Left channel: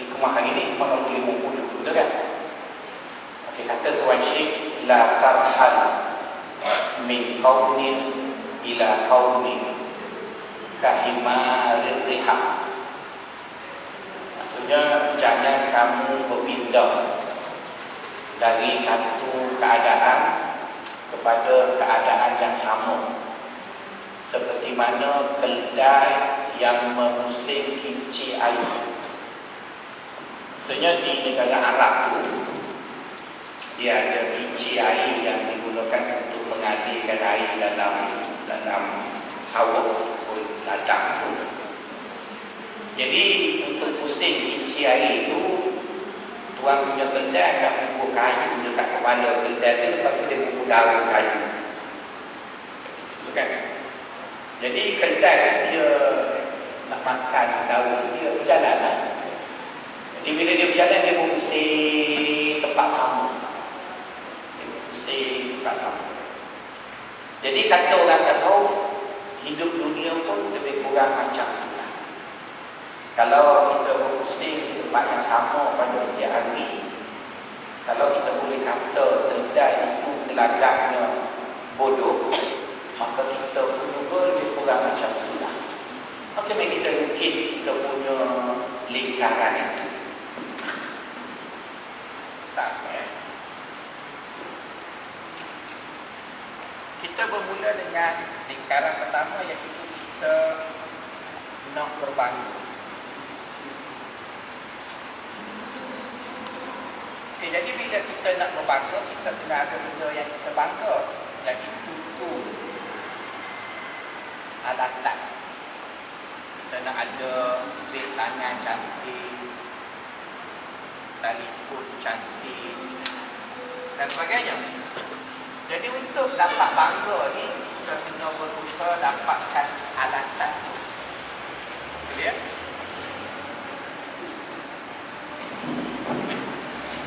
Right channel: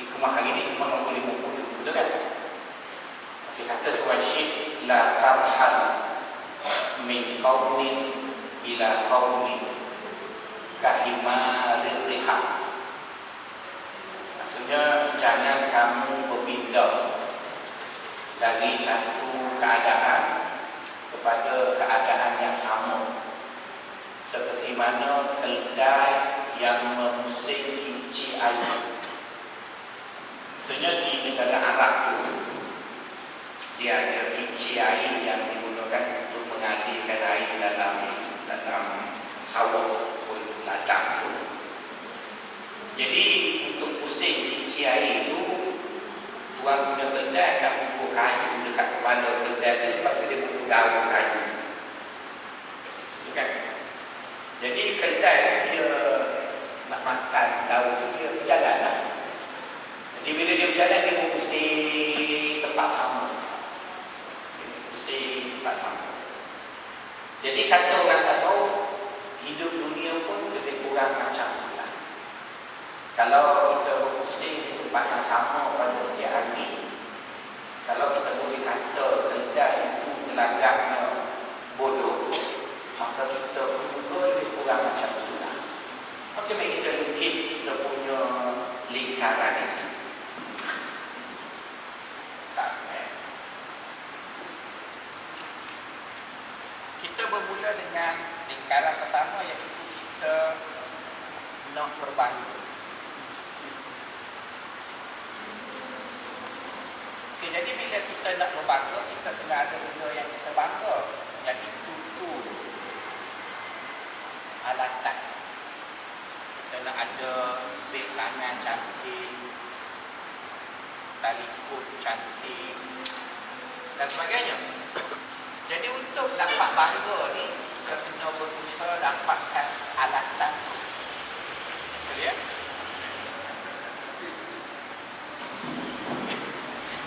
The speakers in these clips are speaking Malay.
Di kemah hari ni kemah 50, betul kan? Okey, kata Tuan Syekh, la tarhal min qaumin ila qaumin kahimarir rihab. Maksudnya jangan kamu berpindah dari satu keadaan kepada keadaan yang sama, seperti mana keldai yang mengusik kincir air. Maksudnya di negara Arab tu dia ada kincir air yang digunakan untuk mengalirkan air dalam sawah ataupun ladang tu. Jadi untuk pusing kincir air tu, tuan punya keldai akan pupuk kayu dekat kepala keldai tu, lepas tu dia pupuk daun kayu. Betul kan? Jadi keldai dia nak makan daun, dia berjalan lah. Jadi bila dia berjalan, dia pusing tempat sama. Dia pusing tempat sama. Jadi kata orang tasawuf, hidup dunia pun lebih kurang macam itulah. Kalau kita berpusing di tempat yang sama pada setiap hari, kalau kita boleh kata keldai itu gelagaknya bodoh, maka kita pun juga lebih kurang macam itulah. Maka mari kita lukis kita punya lingkaran itu. Sampai kita bermula dengan lingkaran pertama, iaitu kita nak berbangga. Okay, jadi bila kita nak berbangga, kita kena ada benda yang kita bangga, iaitu tu alatan. Kita nak ada beg tangan cantik, telefon cantik dan sebagainya. Jadi untuk dapat bangga ni, kita kena berusaha dapatkan alatan tu. Boleh ya?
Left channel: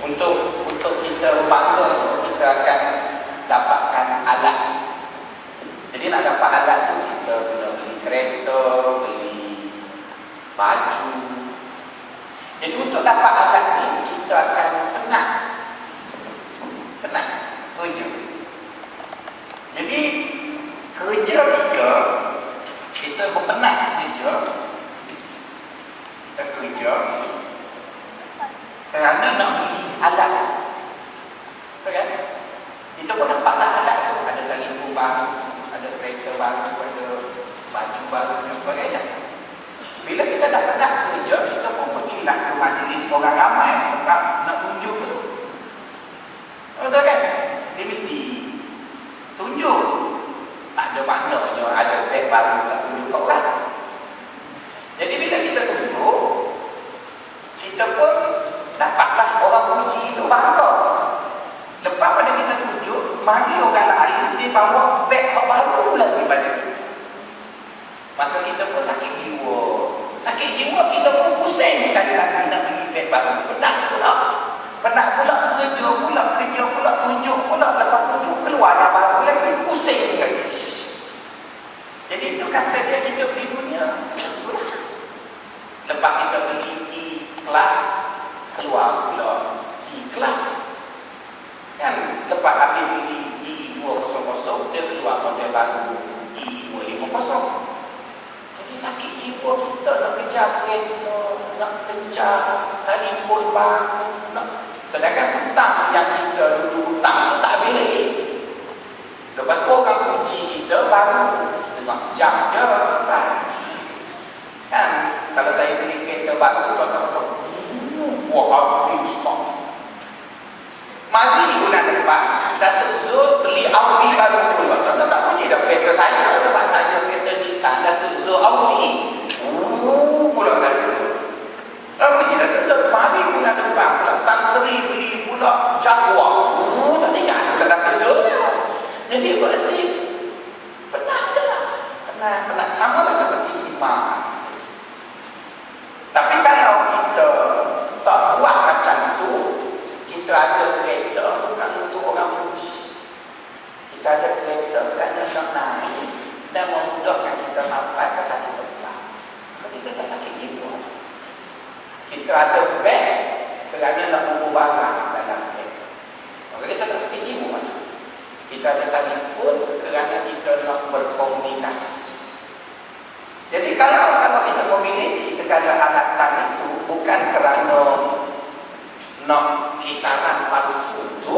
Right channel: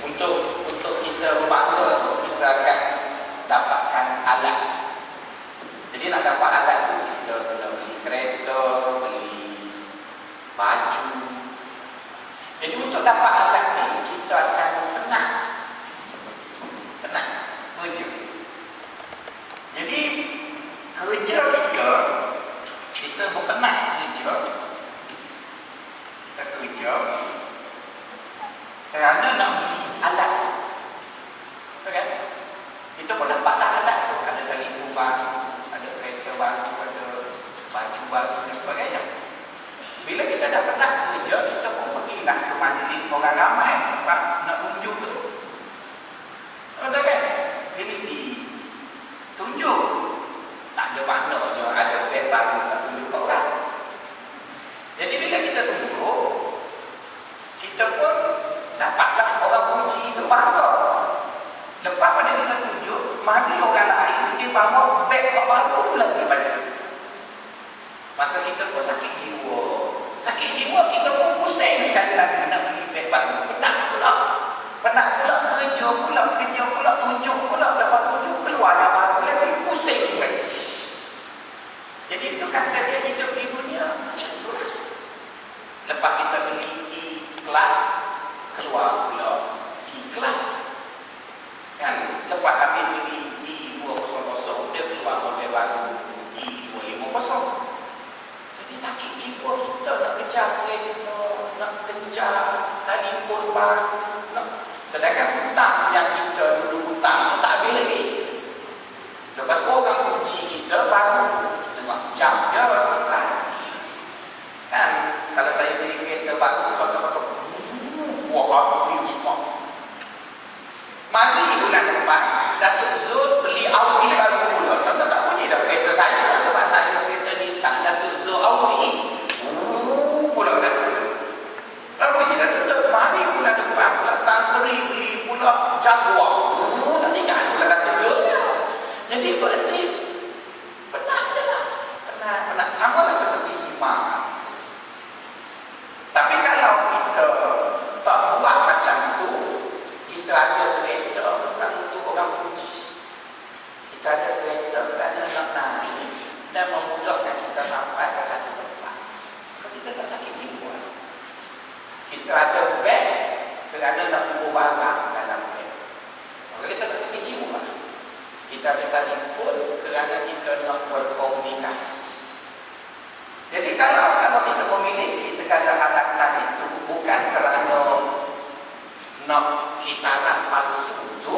Untuk kita berbangga tu, kita akan dapatkan alat. Jadi nak dapat alat tu, kita kena beli kereta, beli baju. Jadi untuk dapat alat ni, kita akan penat kerja. Jadi kerja kita berpenat kerja kerana nak beli alat tu. Betul kan? Kita pun dapatlah alat tu. Ada telefon baru, ada kereta baru, ada baju baru dan sebagainya. Bila kita dah penat kerja, kita pun pergilah ke majlis orang ramai sebab nak tunjuk tu. Betul kan? Dia mesti tunjuk. Tak ada maknanya ada beg baru tak tunjuk kat orang. Jadi bila kita tunjuk, kita pun dapatlah orang puji, tu bangga. Lepas pada kita tunjuk, mari orang lain dia bawa beg baru lagi pada kita. Maka kita pun sakit jiwa. Sakit jiwa, kita pun pusing sekali lagi nak beli beg baru. Penat pula kerja pula, tunjuk pula, lepas tunjuk keluar yang baru lagi, pusing lagi. Jadi itu kata dia hidup di dunia macam itulah. Lepas kita beli E kelas, keluar pula C kelas. Kan lepas habis beli E200, dia keluar model baru E250. Jadi sakit jiwa kita nak kejar kereta, nak kejar telefon baru, sedangkan hutang yang kita dulu hutang tu tak habis lagi. Lepas tu orang puji kita baru setengah jam je kan. Kalau saya beli kereta baru, tuan-tuan, puas hati ustaz. Mari bulan depan Datuk Zul beli Audi baru pula. Tuan-tuan tak puji dah kereta saya, sebab saya kereta Nissan, Datuk Zul Audi. Pula Datuk Zul. Lalu puji Datuk Zul, mari bulan depan pula Tan Sri beli pula Jaguar. Tak tinggal pula Datuk Zul. Jadi berarti penat je lah. Penat. Sama lah seperti khidmat. Tapi kalau kita tak buat macam itu, kita ada kereta bukan untuk orang puji. Kita ada kereta kerana nak naik dan memudahkan kita sampai ke satu tempat. Maka kita tak sakit jiwa. Kita ada beg kerana nak ubah barang dalam beg. Maka kita tak sakit jiwa. Kita ada telefon kerana kita nak berkomunikasi. Jadi kalau kita memiliki segala alatan itu bukan kerana nak kitaran palsu itu,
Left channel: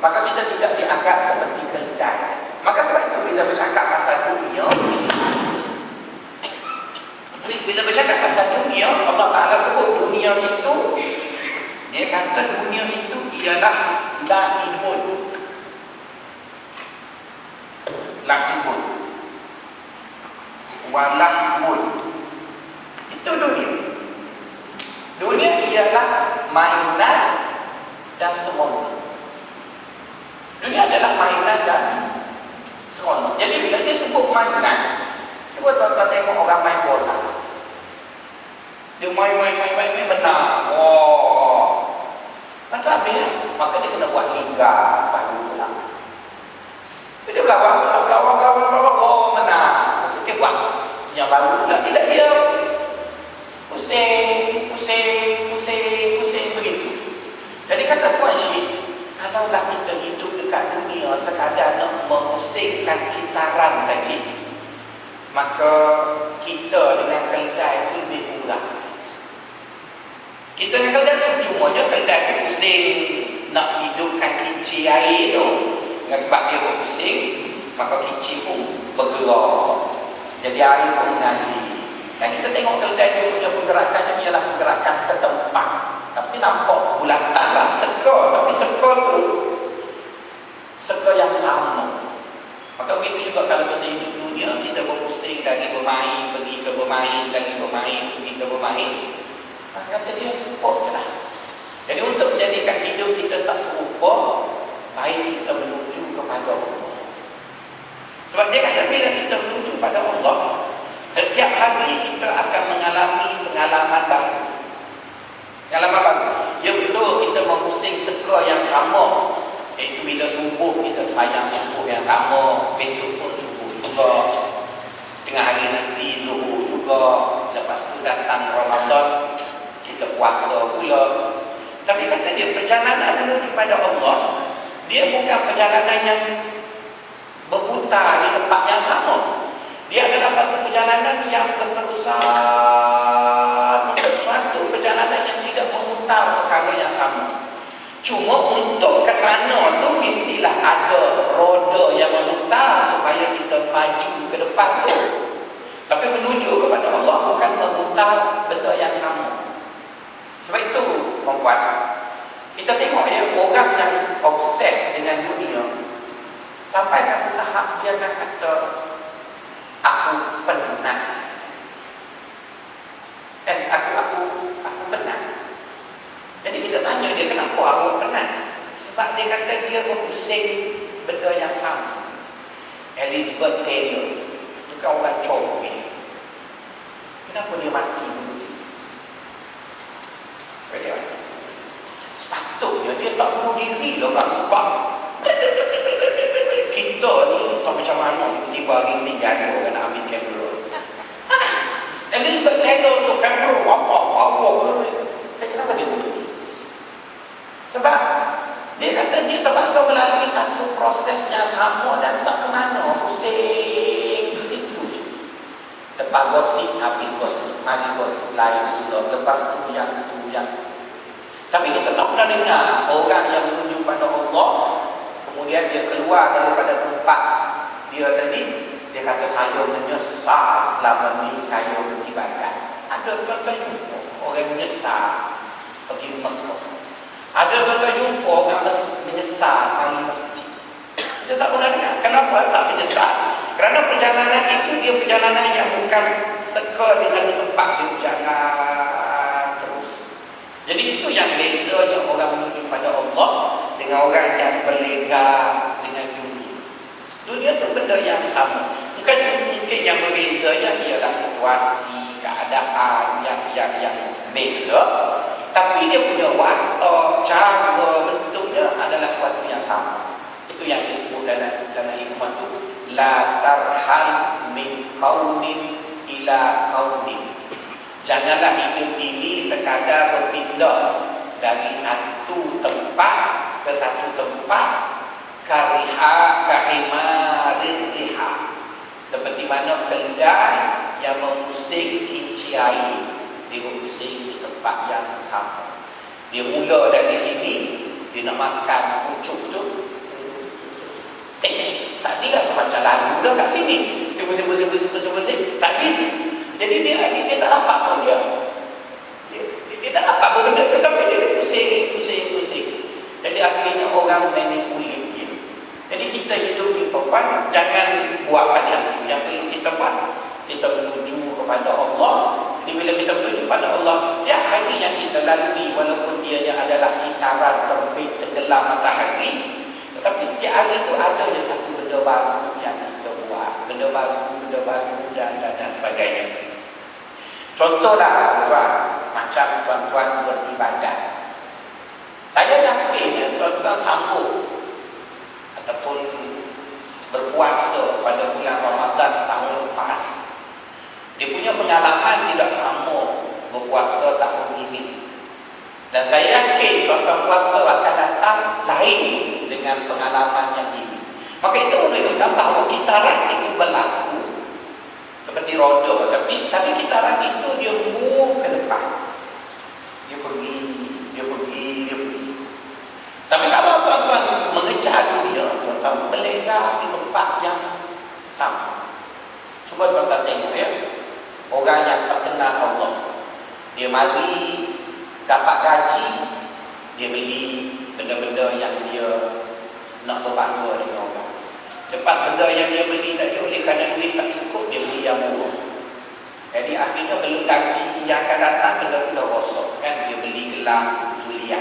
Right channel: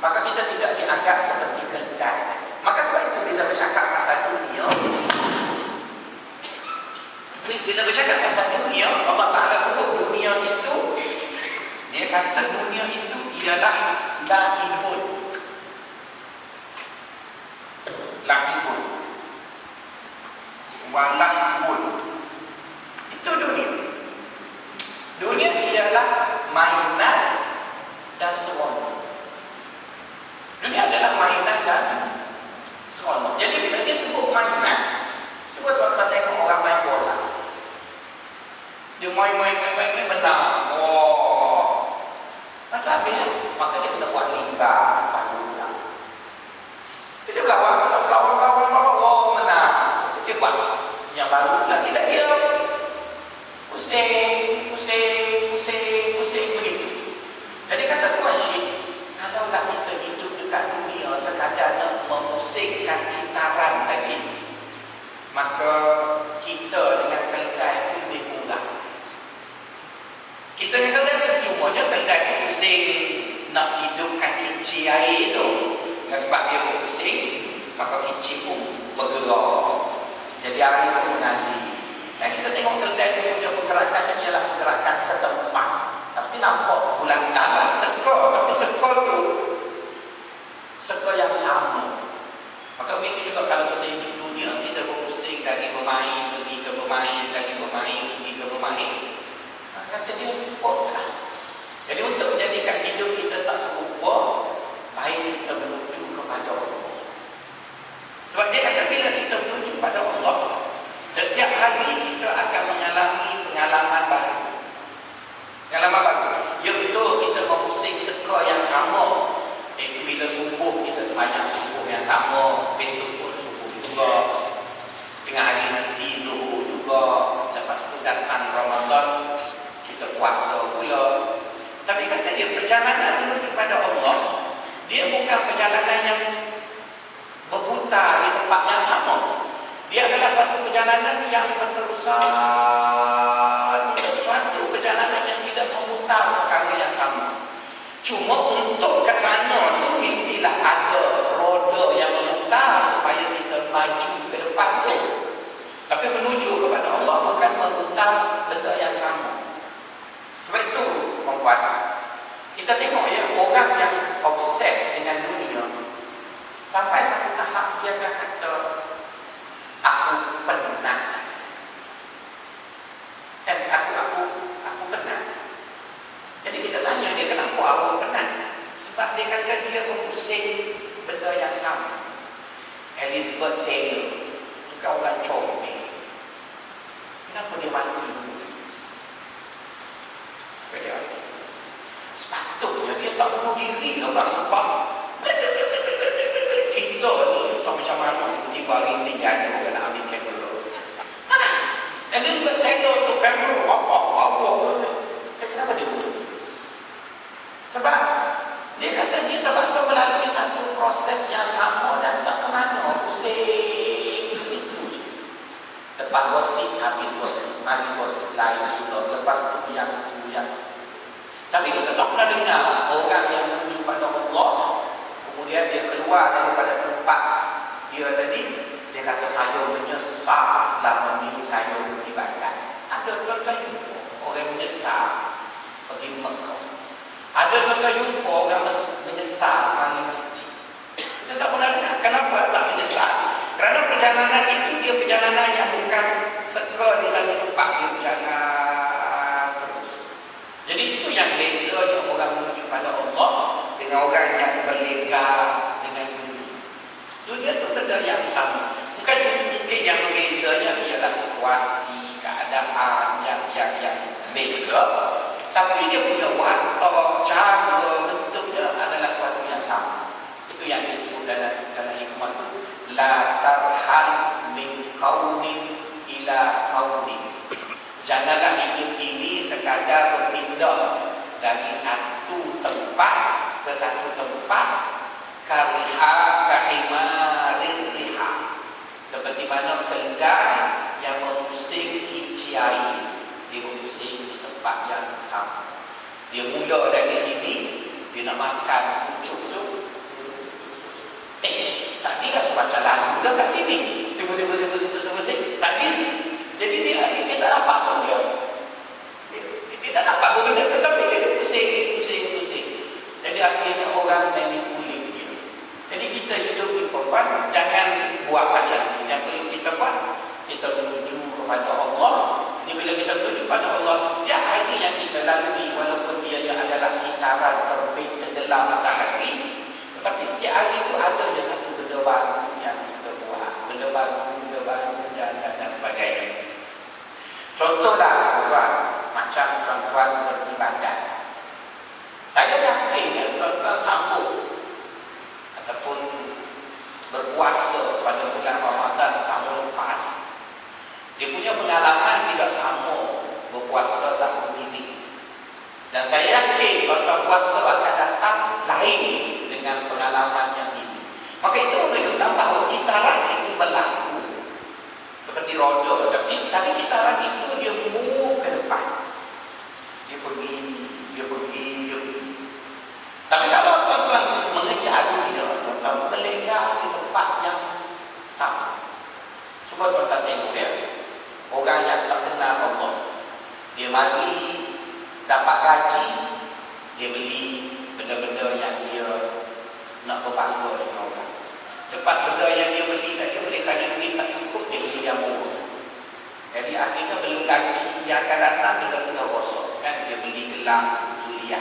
maka kita tidak dianggap seperti keldai. Maka sebab itu bila bercakap pasal dunia, Allah Ta'ala sebut dunia itu, dia kata dunia itu ialah la'ibun. La'ibun walahun. Itu dunia. Dunia ialah mainan dan seronok. Dunia adalah mainan dan seronok. Jadi bila dia sebut mainan, cuba tuan-tuan tengok orang main bola. Dia main menang. Oh, macam habis. Maka dia kena buat liga baru pula. Dia berlawan. Oh, menang. Maksud dia buat yang baru pula. Tidak, dia pusing begitu. Jadi kata Tuan Syekh, kalaulah kita hidup dekat dunia sekadar nak memusingkan kitaran tadi, maka kita dengan keldai itu lebih murah. Kita dengan keldai secumanya keldai itu pusing nak hidupkan kinci air tu. Dengan sebab dia berpusing, maka kinci pun bergerak. Jadi air pun mengalir. Dan kita tengok keldai itu punya pergerakannya ialah pergerakan setempat. Tapi nampak bulatan lah, seka. Tapi seka tu seka yang sama. Maka begitu juga kalau kita hidup dunia, kita berpusing dari bermain, pergi ke bermain, dari bermain, pergi ke bermain. Maka kata dia serupa je lah. Jadi untuk menjadikan hidup kita tak serupa, baik kita menuju kepada Allah. Sebab dia kata bila kita menuju pada Allah, setiap hari kita akan mengalami pengalaman baru. Pengalaman baru. Ya betul, kita memusing seka yang sama. Itu bila subuh kita sembahyang subuh yang sama, besok pun subuh juga, tengah hari nanti zuhur juga, lepas tu datang Ramadan kita puasa pula. Tapi kata dia perjalanan menuju pada Allah, dia bukan perjalanan yang berputar di tempat yang sama. Dia adalah suatu perjalanan yang berterusan. Itu suatu perjalanan yang tidak memutar perkara yang sama. Cuma untuk ke sana tu mestilah ada roda yang memutar supaya kita maju ke depan tu. Tapi menuju kepada Allah bukan memutar benda yang sama. Sebab itu membuat kita tengok ya, orang yang obses dengan dunia sampai satu tahap dia akan kata aku penat. Dan aku penat. Jadi kita tanya dia kenapa awak penat? Sebab dia kata dia berpusing benda yang sama. Elizabeth Taylor, bukan orang comel. Kenapa dia mati dulu? Dia mati. Sepatutnya dia tak bunuh diri lah kan, sebab kita ni tak macam mana tiba-tiba hari ni jadi orang nak ambil kamera. Elizabeth Taylor tu kamera apa kenapa dia bunuh diri? Sebab dia kata dia terpaksa melalui satu proses yang sama dan tak ke mana, pusing di situ je. Lepas gosip, habis gosip, mari gosip lain pula, lepas tu yang tapi kita tak pernah dengar orang yang menuju pada Allah, kemudian dia keluar daripada tempat dia tadi, dia kata saya menyesal selama ni saya beribadat. Ada tuan-tuan jumpa orang menyesal pergi Mekah. Ada tuan-tuan jumpa orang menyesal mari masjid. Kita tak pernah dengar. Kenapa tak menyesal? Kerana perjalanan itu dia perjalanan yang bukan seka di satu tempat, dia berjalan terus. Jadi itu yang bezanya orang menuju pada Allah dengan orang yang berlega dengan dunia. Dunia itu benda yang sama. Bukan mungkin yang berbezanya ialah situasi, keadaan yang beza. Tapi dia punya watak, cara, bentuknya adalah sesuatu yang sama. Itu yang disebut dalam hikmah itu, la tarhal min qaumin ila qaumin. Janganlah hidup ini sekadar berpindah dari satu tempat ke satu tempat, kahimarir riha, seperti mana keledai yang mengusik kinci air, dia mengusik di tempat yang sama. Dia mula dari sini, dia nak makan pucuk tu, tadi rasa macam lalu dah kat sini, dia pusing, tak habis. Jadi dia tak dapat pun dia tak dapat pun benda tu, tapi dia pusing. Jadi akhirnya orang manipulate dia. Jadi kita hidup di perempuan, jangan buat macam tu. Yang perlu kita buat, kita menuju kepada Allah. Jadi bila kita menuju kepada Allah, setiap hari yang kita lalui, walaupun dia adalah kitaran terbit tenggelam matahari, tetapi setiap hari itu ada je satu benda baru yang kita buat, benda baru dan sebagainya. Contohlah tuan, macam tuan-tuan beribadat. Saya yakin tuan-tuan sambut ataupun berpuasa pada bulan Ramadan tahun lepas, dia punya pengalaman tidak sama berpuasa tahun ini. Dan saya yakin tuan-tuan puasa akan datang lain dengan pengalaman yang ini. Maka itu menunjukkan bahawa kitaran itu berlaku seperti roda, tapi kitaran itu dia move ke depan. Dia pergi. Tapi kalau tuan-tuan mengejar dia, tuan-tuan melengah di tempat yang sama. Cuba tuan-tuan tengok ya, orang yang tak kenal Allah, dia mari dapat gaji, dia beli benda-benda yang dia nak berbangga dengan orang. Lepas benda yang dia beli tadi, oleh kerana duit tak cukup, dia beli yang murah. Jadi akhirnya belum gaji yang akan datang, benda tu dah rosak kan. Dia beli gelang suliah,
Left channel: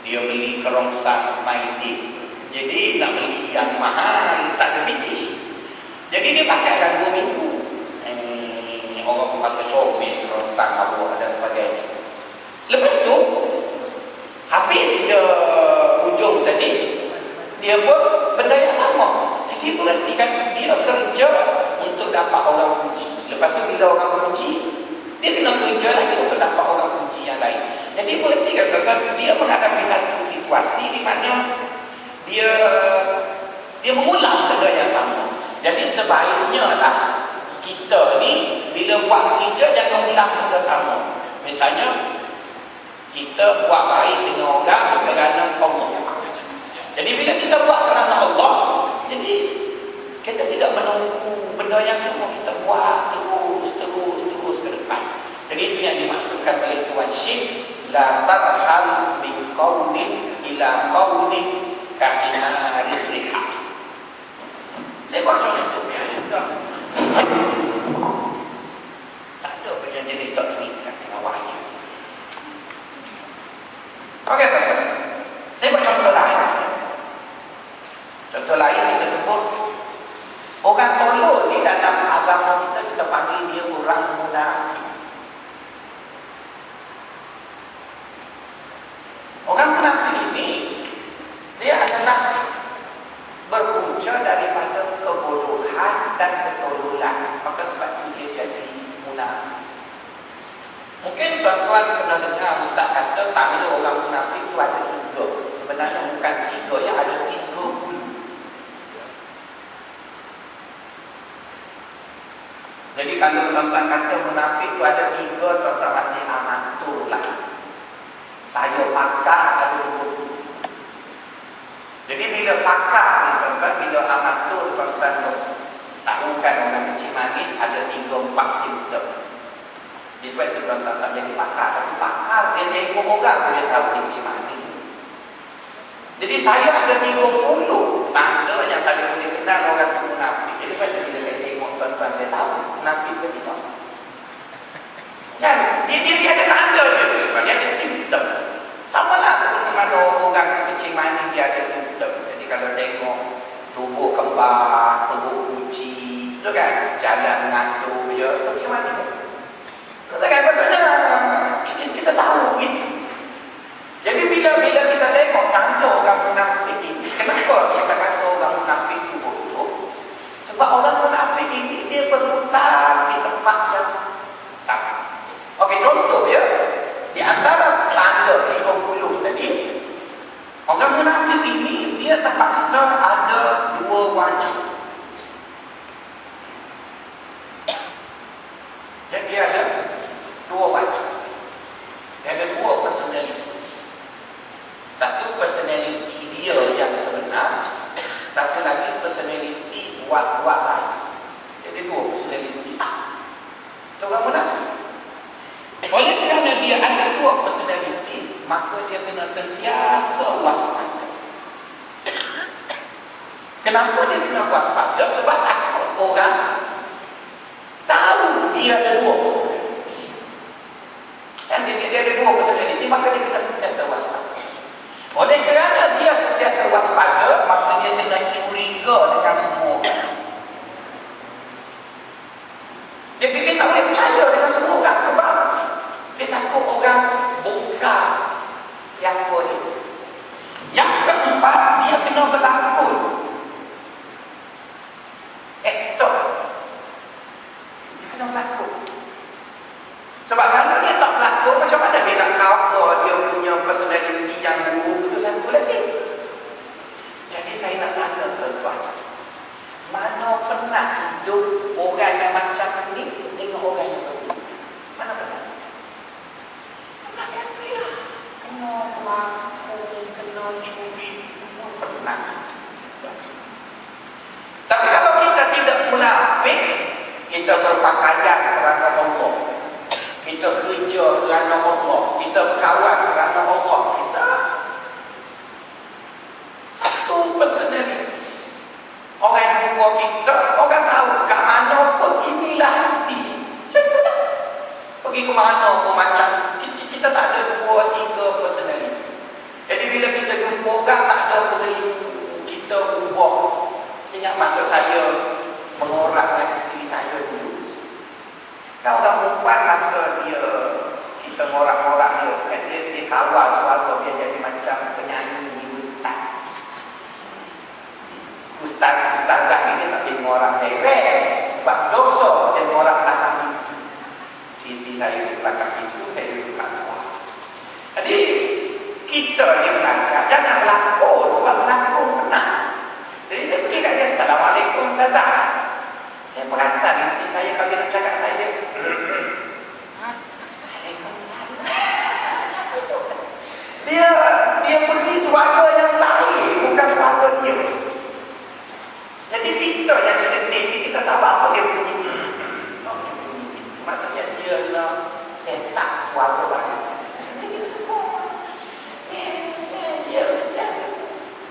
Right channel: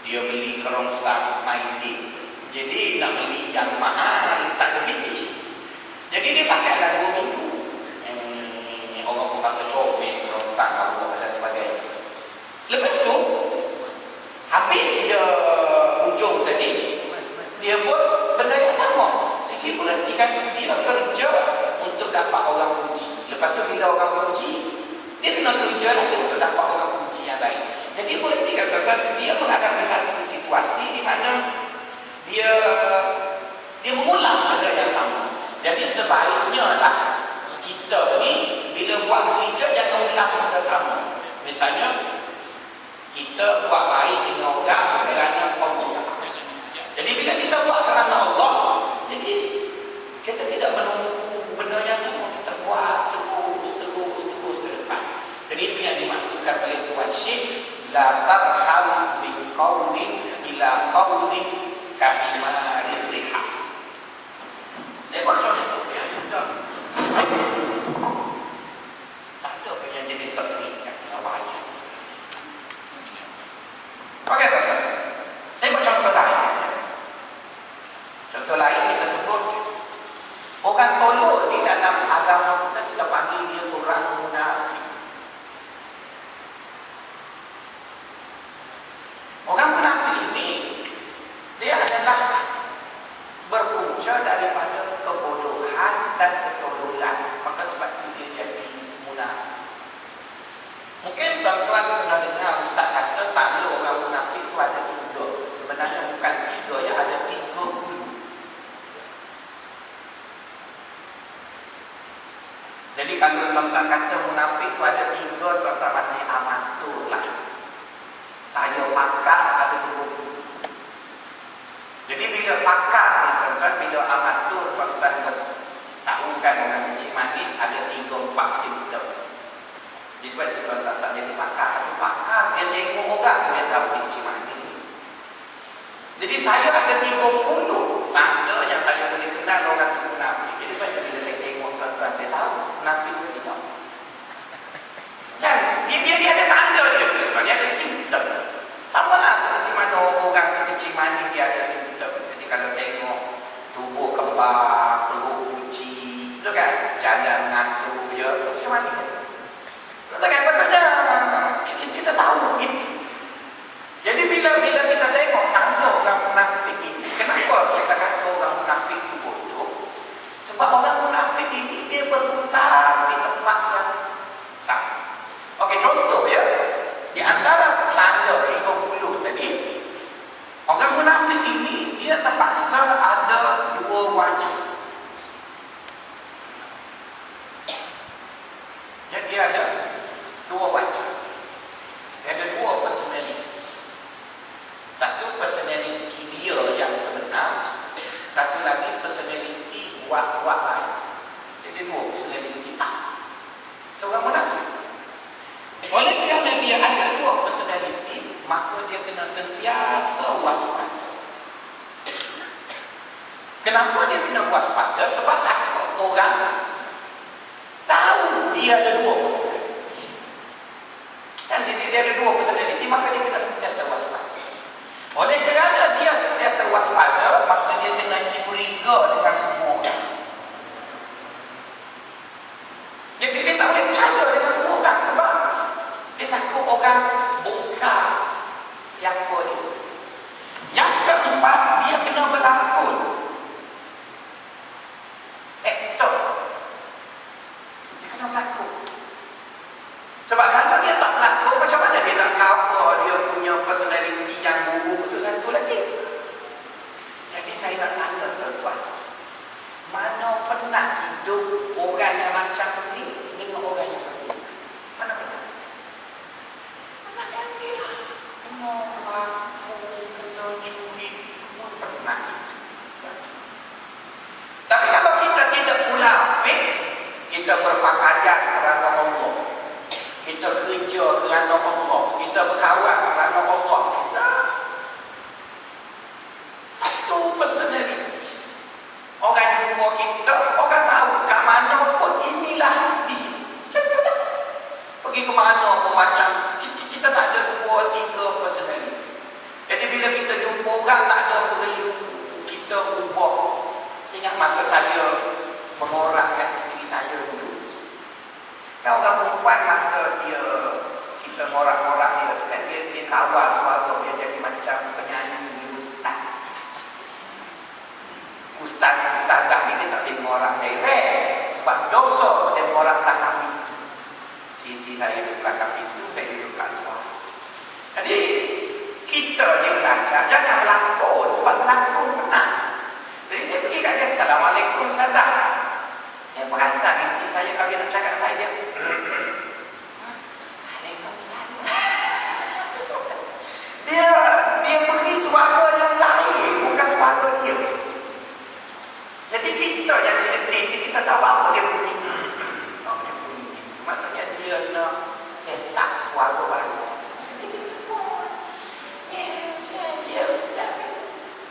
dia beli kerongsak maidin. Jadi nak beli yang mahal, tak ada bitih. Jadi dia pakai dah 2 minggu. Orang pun kata comel, kerongsak, mabuk dan sebagainya. Lepas tu habis je ujung tadi, dia pun benda yang sama. Jadi berhentikan dia kerja untuk dapat orang puji. Lepas tu bila orang puji, dia kena kerja lagi untuk dapat orang puji yang lain. Jadi berhentikan tuan-tuan, dia menghadapi satu situasi di mana dia mengulang benda yang sama. Jadi sebaiknya lah kita ni bila buat kerja jangan ulang benda sama. Misalnya kita buat baik dengan orang kerana Allah. Jadi bila kita buat kerana Allah, jadi kita tidak menunggu benda yang sama, kita buat terus ke depan. Jadi itu yang dimaksudkan oleh Tuan Syekh, la tarhal bi qaumin ila qaumin kahimarir riha. Saya buat contoh ya. Tak ada apa yang jadi tak terikat dengan wahyu. Okey, tuan-tuan. Saya buat contoh lain. Contoh lain kita sebut orang tolol di dalam agama kita panggil dia orang munafik. Orang munafik ini dia adalah berpunca daripada kebodohan dan ketololan. Maka sebab itu dia jadi munafik. Mungkin tuan-tuan pernah dengar ustaz kata tanda orang munafik itu ada 3. Sebenarnya bukan 3 ya, ada 3 hulu. Jadi kalau tuan-tuan kata munafik itu ada 3, tuan-tuan masih amatur lah. Saya pakar ada 2 hulu. Jadi bila pakar ni tuan-tuan, bila amatur tuan-tuan tahu kan orang kencing manis ada 3-4 simptom. Jadi sebab itu tuan-tuan tak jadi pakar. Tapi pakar dia tengok orang tu dia tahu dia kencing manis. Jadi saya ada 30 tanda yang saya boleh kenal orang tu munafik. Jadi sebab itu bila saya tengok tuan-tuan, saya tahu munafik ke tidak. Dan dia ada tanda dia tuan-tuan, dia ada simptom. Sama lah seperti mana orang kencing manis dia ada simptom. Jadi kalau tengok tubuh kembar, perut kucing, tu kan, jalan mengatur je, kencing manis. Betul kan? Maksudnya kita tahu begitu. Jadi bila kita tengok tanda orang munafik ini, kenapa kita kata orang munafik itu bodoh? Sebab orang munafik ini dia berputar di tempat yang sama. Okey, contoh ya. Kenapa dia kena waspada? Sebab takut orang tahu dia ada dua personality. Dan dia ada dua personality, maka dia kena sentiasa waspada. Oleh kerana dia sentiasa waspada, maka dia kena curiga dengan semua orang. Dia tak boleh percaya dengan semua orang sebab dia takut orang bongkar siapa dia. Yang keempat, dia kena berlakon. Aktor. Dia kena berlakon. Sebab kalau dia tak berlakon, macam mana dia nak cover dia punya personality yang buruk itu satu lagi. Jadi saya nak tanya tuan-tuan, mana pernah hidup orang yang macam ni dengan orang yang berbeza? Mana pernah? Pernah kan bila? Kena berlakon, kena curi, pernah. Tapi kalau kita tidak munafik, kita berpakaian kerana Allah, kita kerja kerana Allah, kita berkawan kerana Allah, kita satu personality. Orang jumpa kita, orang tahu kat mana pun inilah dia. Macam tu dah. Pergi ke mana pun macam, kita tak ada 2-3 personality. Jadi bila kita jumpa orang, tak ada perlu kita ubah. Saya ingat masa saya mengorak dengan isteri saya dulu. Nah, orang perempuan masa kita ngorak-ngorak dia tu kan, dia kawal suara dia jadi macam penyanyi ustazah ni dia tak boleh ngorak direct sebab dosa dia ngorak belakang pintu. Isteri saya duduk belakang pintu, saya duduk kat luar. Jadi kita ni belajar jangan berlakon, sebab berlakon pernah. Jadi saya pergi kat dia, Assalamualaikum Ustazah. Saya perasan isteri saya kalau dia nak cakap saya dia Waalaikumsalam. Dia beri suara yang lain, bukan suara dia. Jadi kita yang cerdik ni, kita tahu apa dia bunyi. Dia bunyi. Maksudnya dia nak set up suara baru. Jadi kita pun ya Ustaz.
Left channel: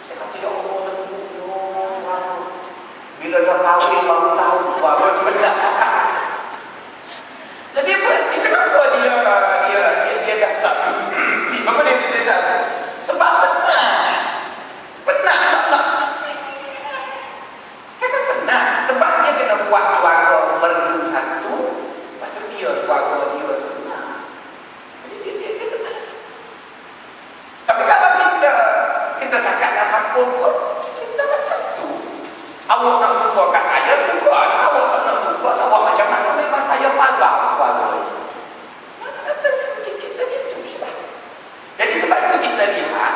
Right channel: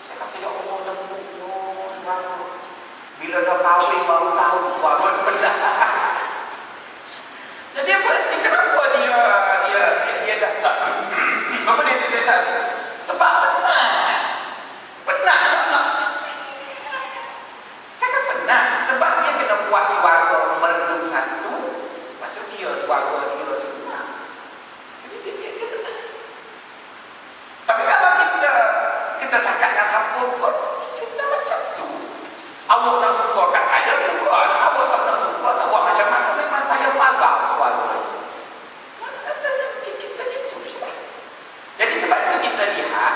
Saya kata dia Allah dengung suara. Bila dah kahwin baru tahu suara sebenar. Jadi kenapa dia dah tak? Kenapa dia tak? Sebab pernah nak. Sebab dia kena buat suara merdu satu, maksud dia suara dia sebenar. Jadi dia benar. Tapi kalau kita cakap dengan siapa pun, kita macam tu. Awak nak suka kat saya, suka. Awak tak nak suka, nak buat macam mana, memang saya marah suara. Kita gitu sebab. Jadi sebab itu kita lihat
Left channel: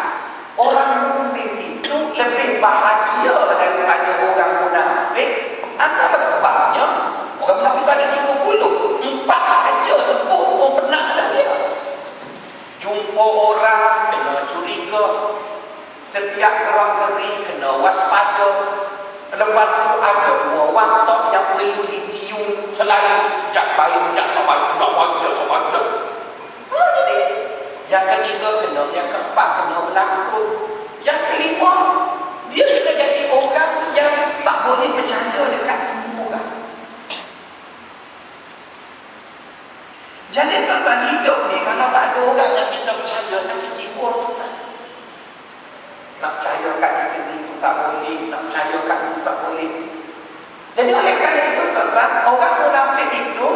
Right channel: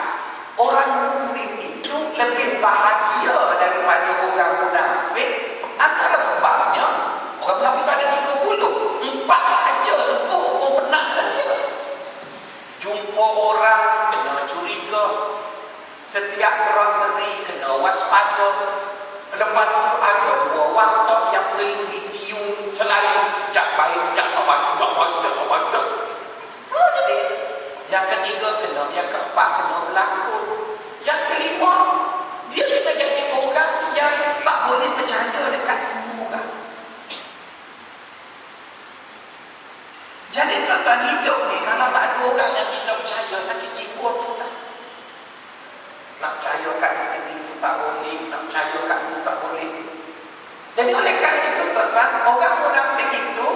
orang mukmin itu lebih bahagia daripada orang munafik. Antara sebabnya orang munafik itu ada 30, 4 saja sebut pun pernah dah dia. Jumpa orang kena curiga, setiap gerak-geri kena waspada. Lepas tu ada 2 watak yang perlu ditiung selain sejak baik, sejak tak baik, sejak baik, sejak tak baik. Jadi yang ketiga kena, yang keempat kena berlakon. Yang kelima, dia kena jadi orang yang tak boleh percaya dekat semua orang. Jadi tuan-tuan, hidup ni kalau tak ada orang yang kita percaya, sakit jiwa tuan. Nak percaya kat isteri pun tak boleh, nak percaya kat itu tak boleh. Jadi oleh kerana itu tuan-tuan, orang munafik itu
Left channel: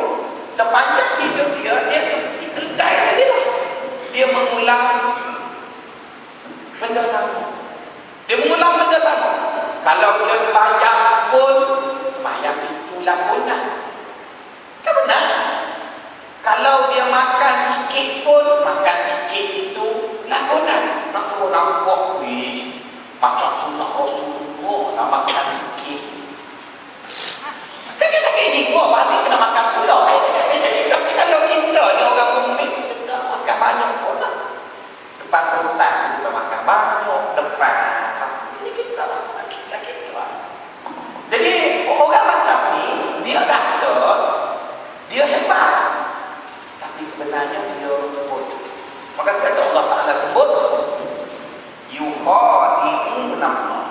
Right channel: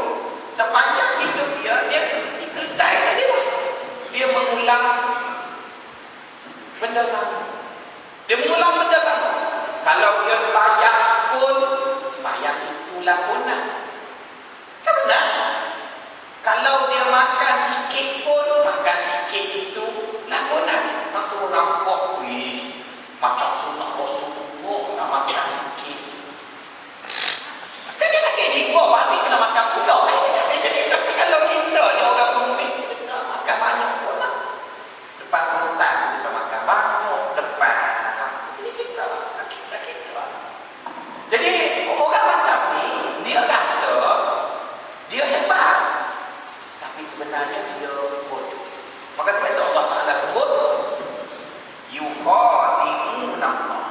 sepanjang hidup dia seperti kedai tadi lah. Dia mengulang benda sama. Kalau dia sembahyang pun, sembahyang itu lakonan. Kan benar? Kalau dia makan sikit pun, makan sikit itu lakonan. Nak suruh nampak, macam sunnah Rasulullah nak makan sikit. Kan dia sakit jiwa, balik kena makan pula. Jadi tapi kalau kita ni orang pemik, kita makan banyak pun lah. Lepas sultan kita makan banyak, depan jadi kita jadi orang macam ni, dia rasa dia hebat, tapi sebenarnya dia bodoh. Maka sebab itu Allah Ta'ala sebut yukhadi'un Allah.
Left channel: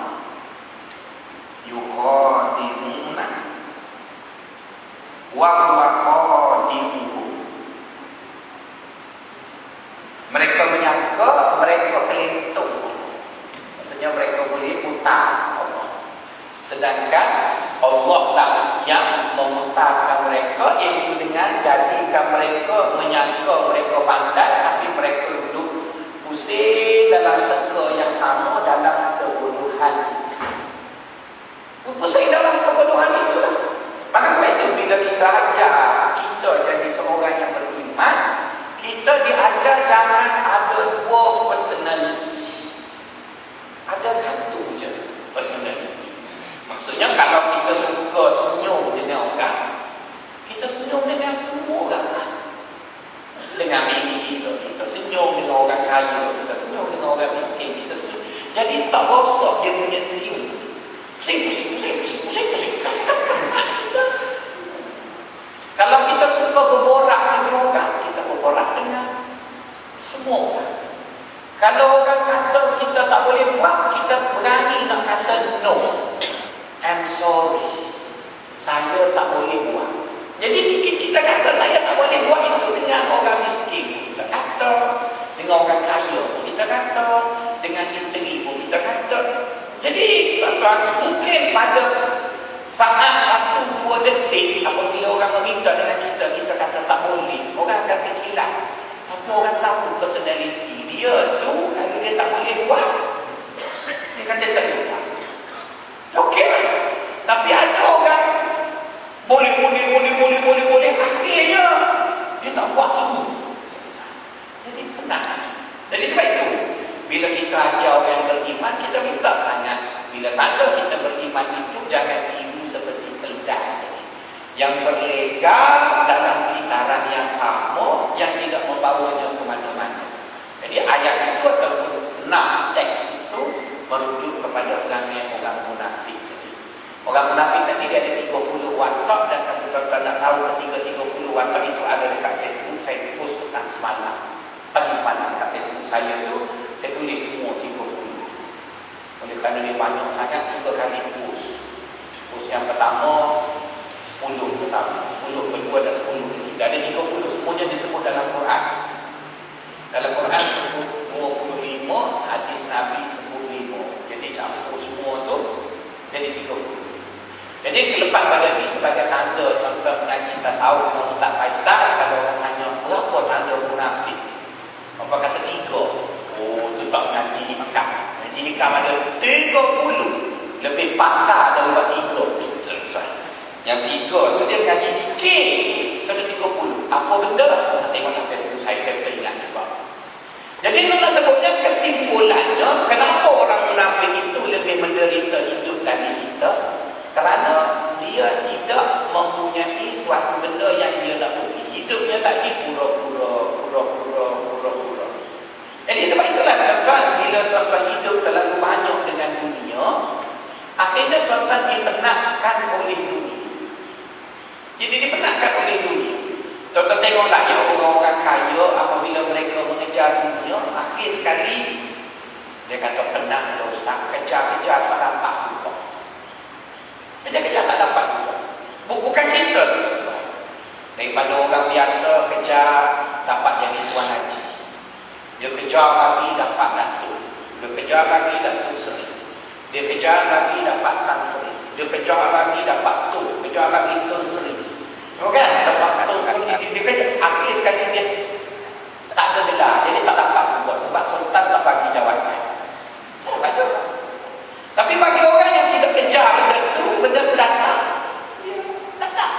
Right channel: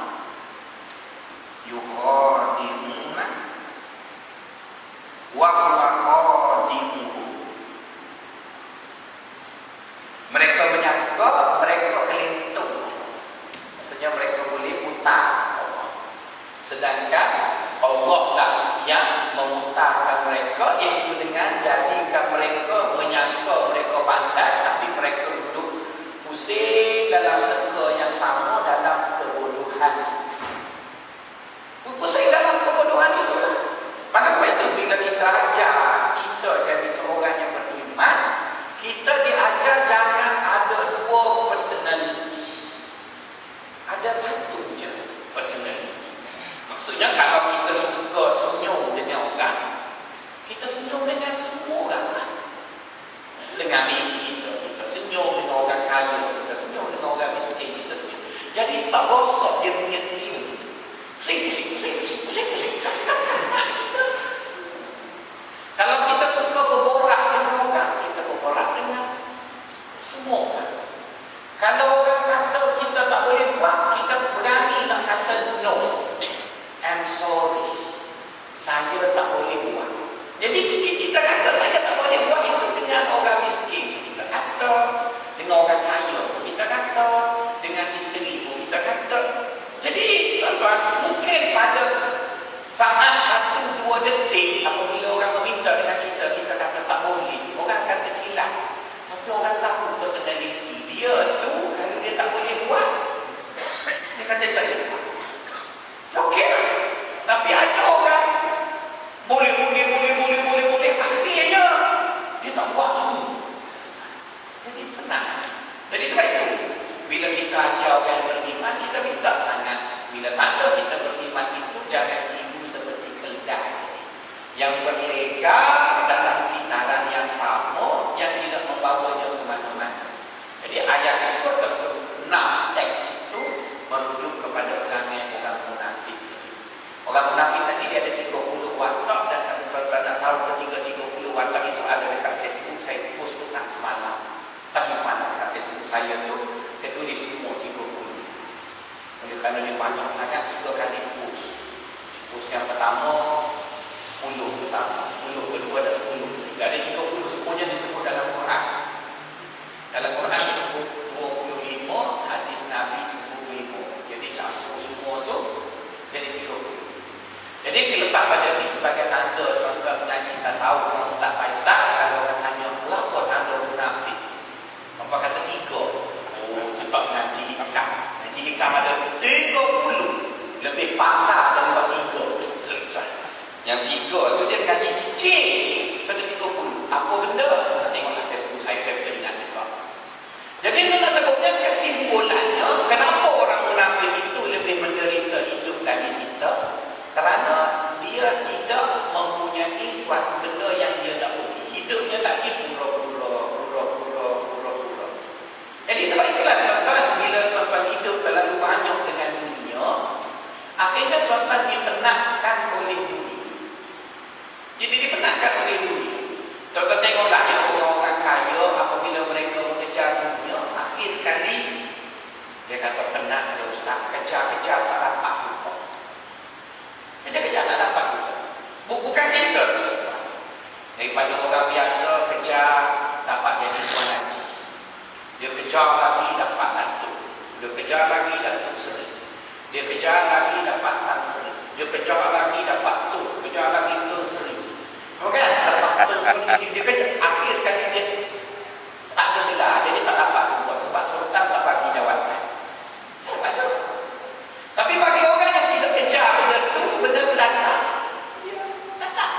Mereka menyangka mereka kelentung. Maksudnya mereka boleh putar Allah. Sedangkan Allah lah yang memutarkan mereka, iaitu dengan jadikan mereka menyangka mereka pandai, tapi mereka duduk pusing dalam seka yang sama dalam kebodohan itu. Pusing dalam kebodohan itulah. Maka sebab itu bila kita ajar kita jadi seorang yang beriman, kita diajar jangan ada dua personality. Ada satu je personality. Maksudnya kalau kita suka senyum dengan orang, kita senyum dengan semua orang lah. Dengan diri kita senyum dengan orang kaya, kita senyum dengan orang miskin, kita senyum. Jadi tak rosak dia punya team. Pusing. Kalau kita suka berborak dengan orang, kita berborak dengan semua orang. Kalau orang kata kita tak boleh buat, kita berani nak kata no. I'm sorry, saya tak boleh buat. Jadi kita kata saya tak boleh buat itu dengan orang miskin, kita kata dengan orang kaya, kita kata dengan isteri pun kita kata. Jadi tuan-tuan, mungkin pada saat 1-2 detik apabila orang meminta dengan kita, kita kata tak boleh, orang akan terkilat. Tapi orang tahu personality dia tu, kalau dia tak boleh buat, dia kata tak boleh buat. Okey lah. Tapi ada orang boleh, akhirnya dia tak buat semua. Jadi penat. Jadi sebab itu bila kita ajar orang beriman, kita minta sangat, bila tanda kita beriman itu jangan tiru seperti keledai yang berlega dalam kitaran yang sama, yang tidak membawanya ke mana-mana. Jadi ayat itu ataupun nas teks itu merujuk kepada perangai orang munafik tadi. Orang munafik tadi dia ada 30 watak, dan kalau tuan-tuan nak tahu ketiga 30 watak itu ada dekat Facebook. Saya post petang semalam, pagi semalam dekat Facebook saya tu, saya tulis semua 30. Oleh kerana dia banyak sangat, 3 kali post. Post yang pertama 10 pertama, 10 kedua dan 10 ketiga. Ada 30, semuanya disebut dalam Quran. Dalam Quran sebut 25, hadis Nabi sebut 5. Jadi campur semua tu jadi 30. Jadi kelepas pada ni sebagai tanda tuan-tuan mengaji tasawuf dengan Ustaz Faisal, kalau orang tanya berapa tanda munafik, apa kata 3. Oh, tu tak mengaji hikam. Mengaji hikam ada 30. Lebih pakar daripada 3. Yang 3 tu dia mengaji sikit. Itu ada 30. Apa benda? Nak tengoklah Facebook saya teringat juga. Jadi nak sebutnya kesimpulannya, kenapa orang munafik itu lebih menderita hidup dari kita? Kerana dia tidak mempunyai suatu benda yang dia nak pergi. Hidupnya tadi pura-pura. Jadi sebab itulah tuan-tuan, bila tuan-tuan hidup terlalu banyak dengan dunia, akhirnya tuan-tuan dipenatkan oleh dunia. Jadi dipenatkan oleh dunia. Tuan-tuan tengoklah yang orang-orang kaya, apabila mereka mengejar dunia, akhir sekali dia kata penat lah Ustaz, kejar-kejar tak dapat juga. Kejar-kejar tak dapat juga. Bukan kita tuan-tuan. Daripada orang biasa kejar dapat jadi tuan haji, dia kejar lagi dapat datuk, dia kejar lagi datuk seri, dia kejar lagi dapat tan seri, dia kejar lagi dapat tu, kejar lagi tun seri. Kan? Dapat tun seri, dia kejar. Akhir sekali dia tak ada gelar, jadi tak dapat buat sebab sultan tak bagi jawatan. Jangan baca. Tapi bagi orang yang tidak kejar benda tu datang. Datang.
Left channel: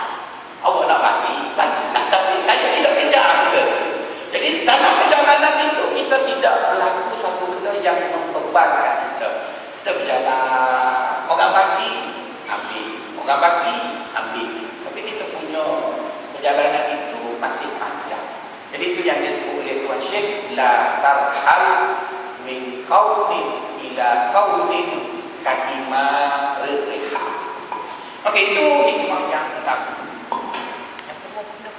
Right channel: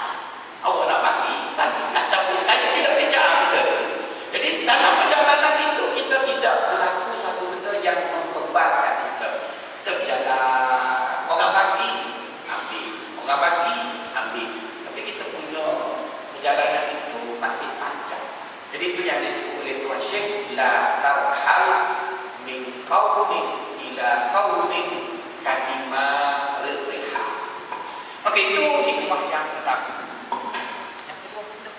Allah nak bagi. Nah, tapi saya tidak kejar benda tu. Jadi dalam perjalanan itu kita tidak berlaku suatu benda yang membebankan kita. Kita berjalan, orang bagi, ambil. Orang bagi, ambil. Tapi kita punya perjalanan itu masih panjang. Jadi itu yang disebut oleh Tuan Syekh, la tarhal min qaumin ila qaumin kahima riha. Okey, itu hikmah yang pertama. Yang kedua pula.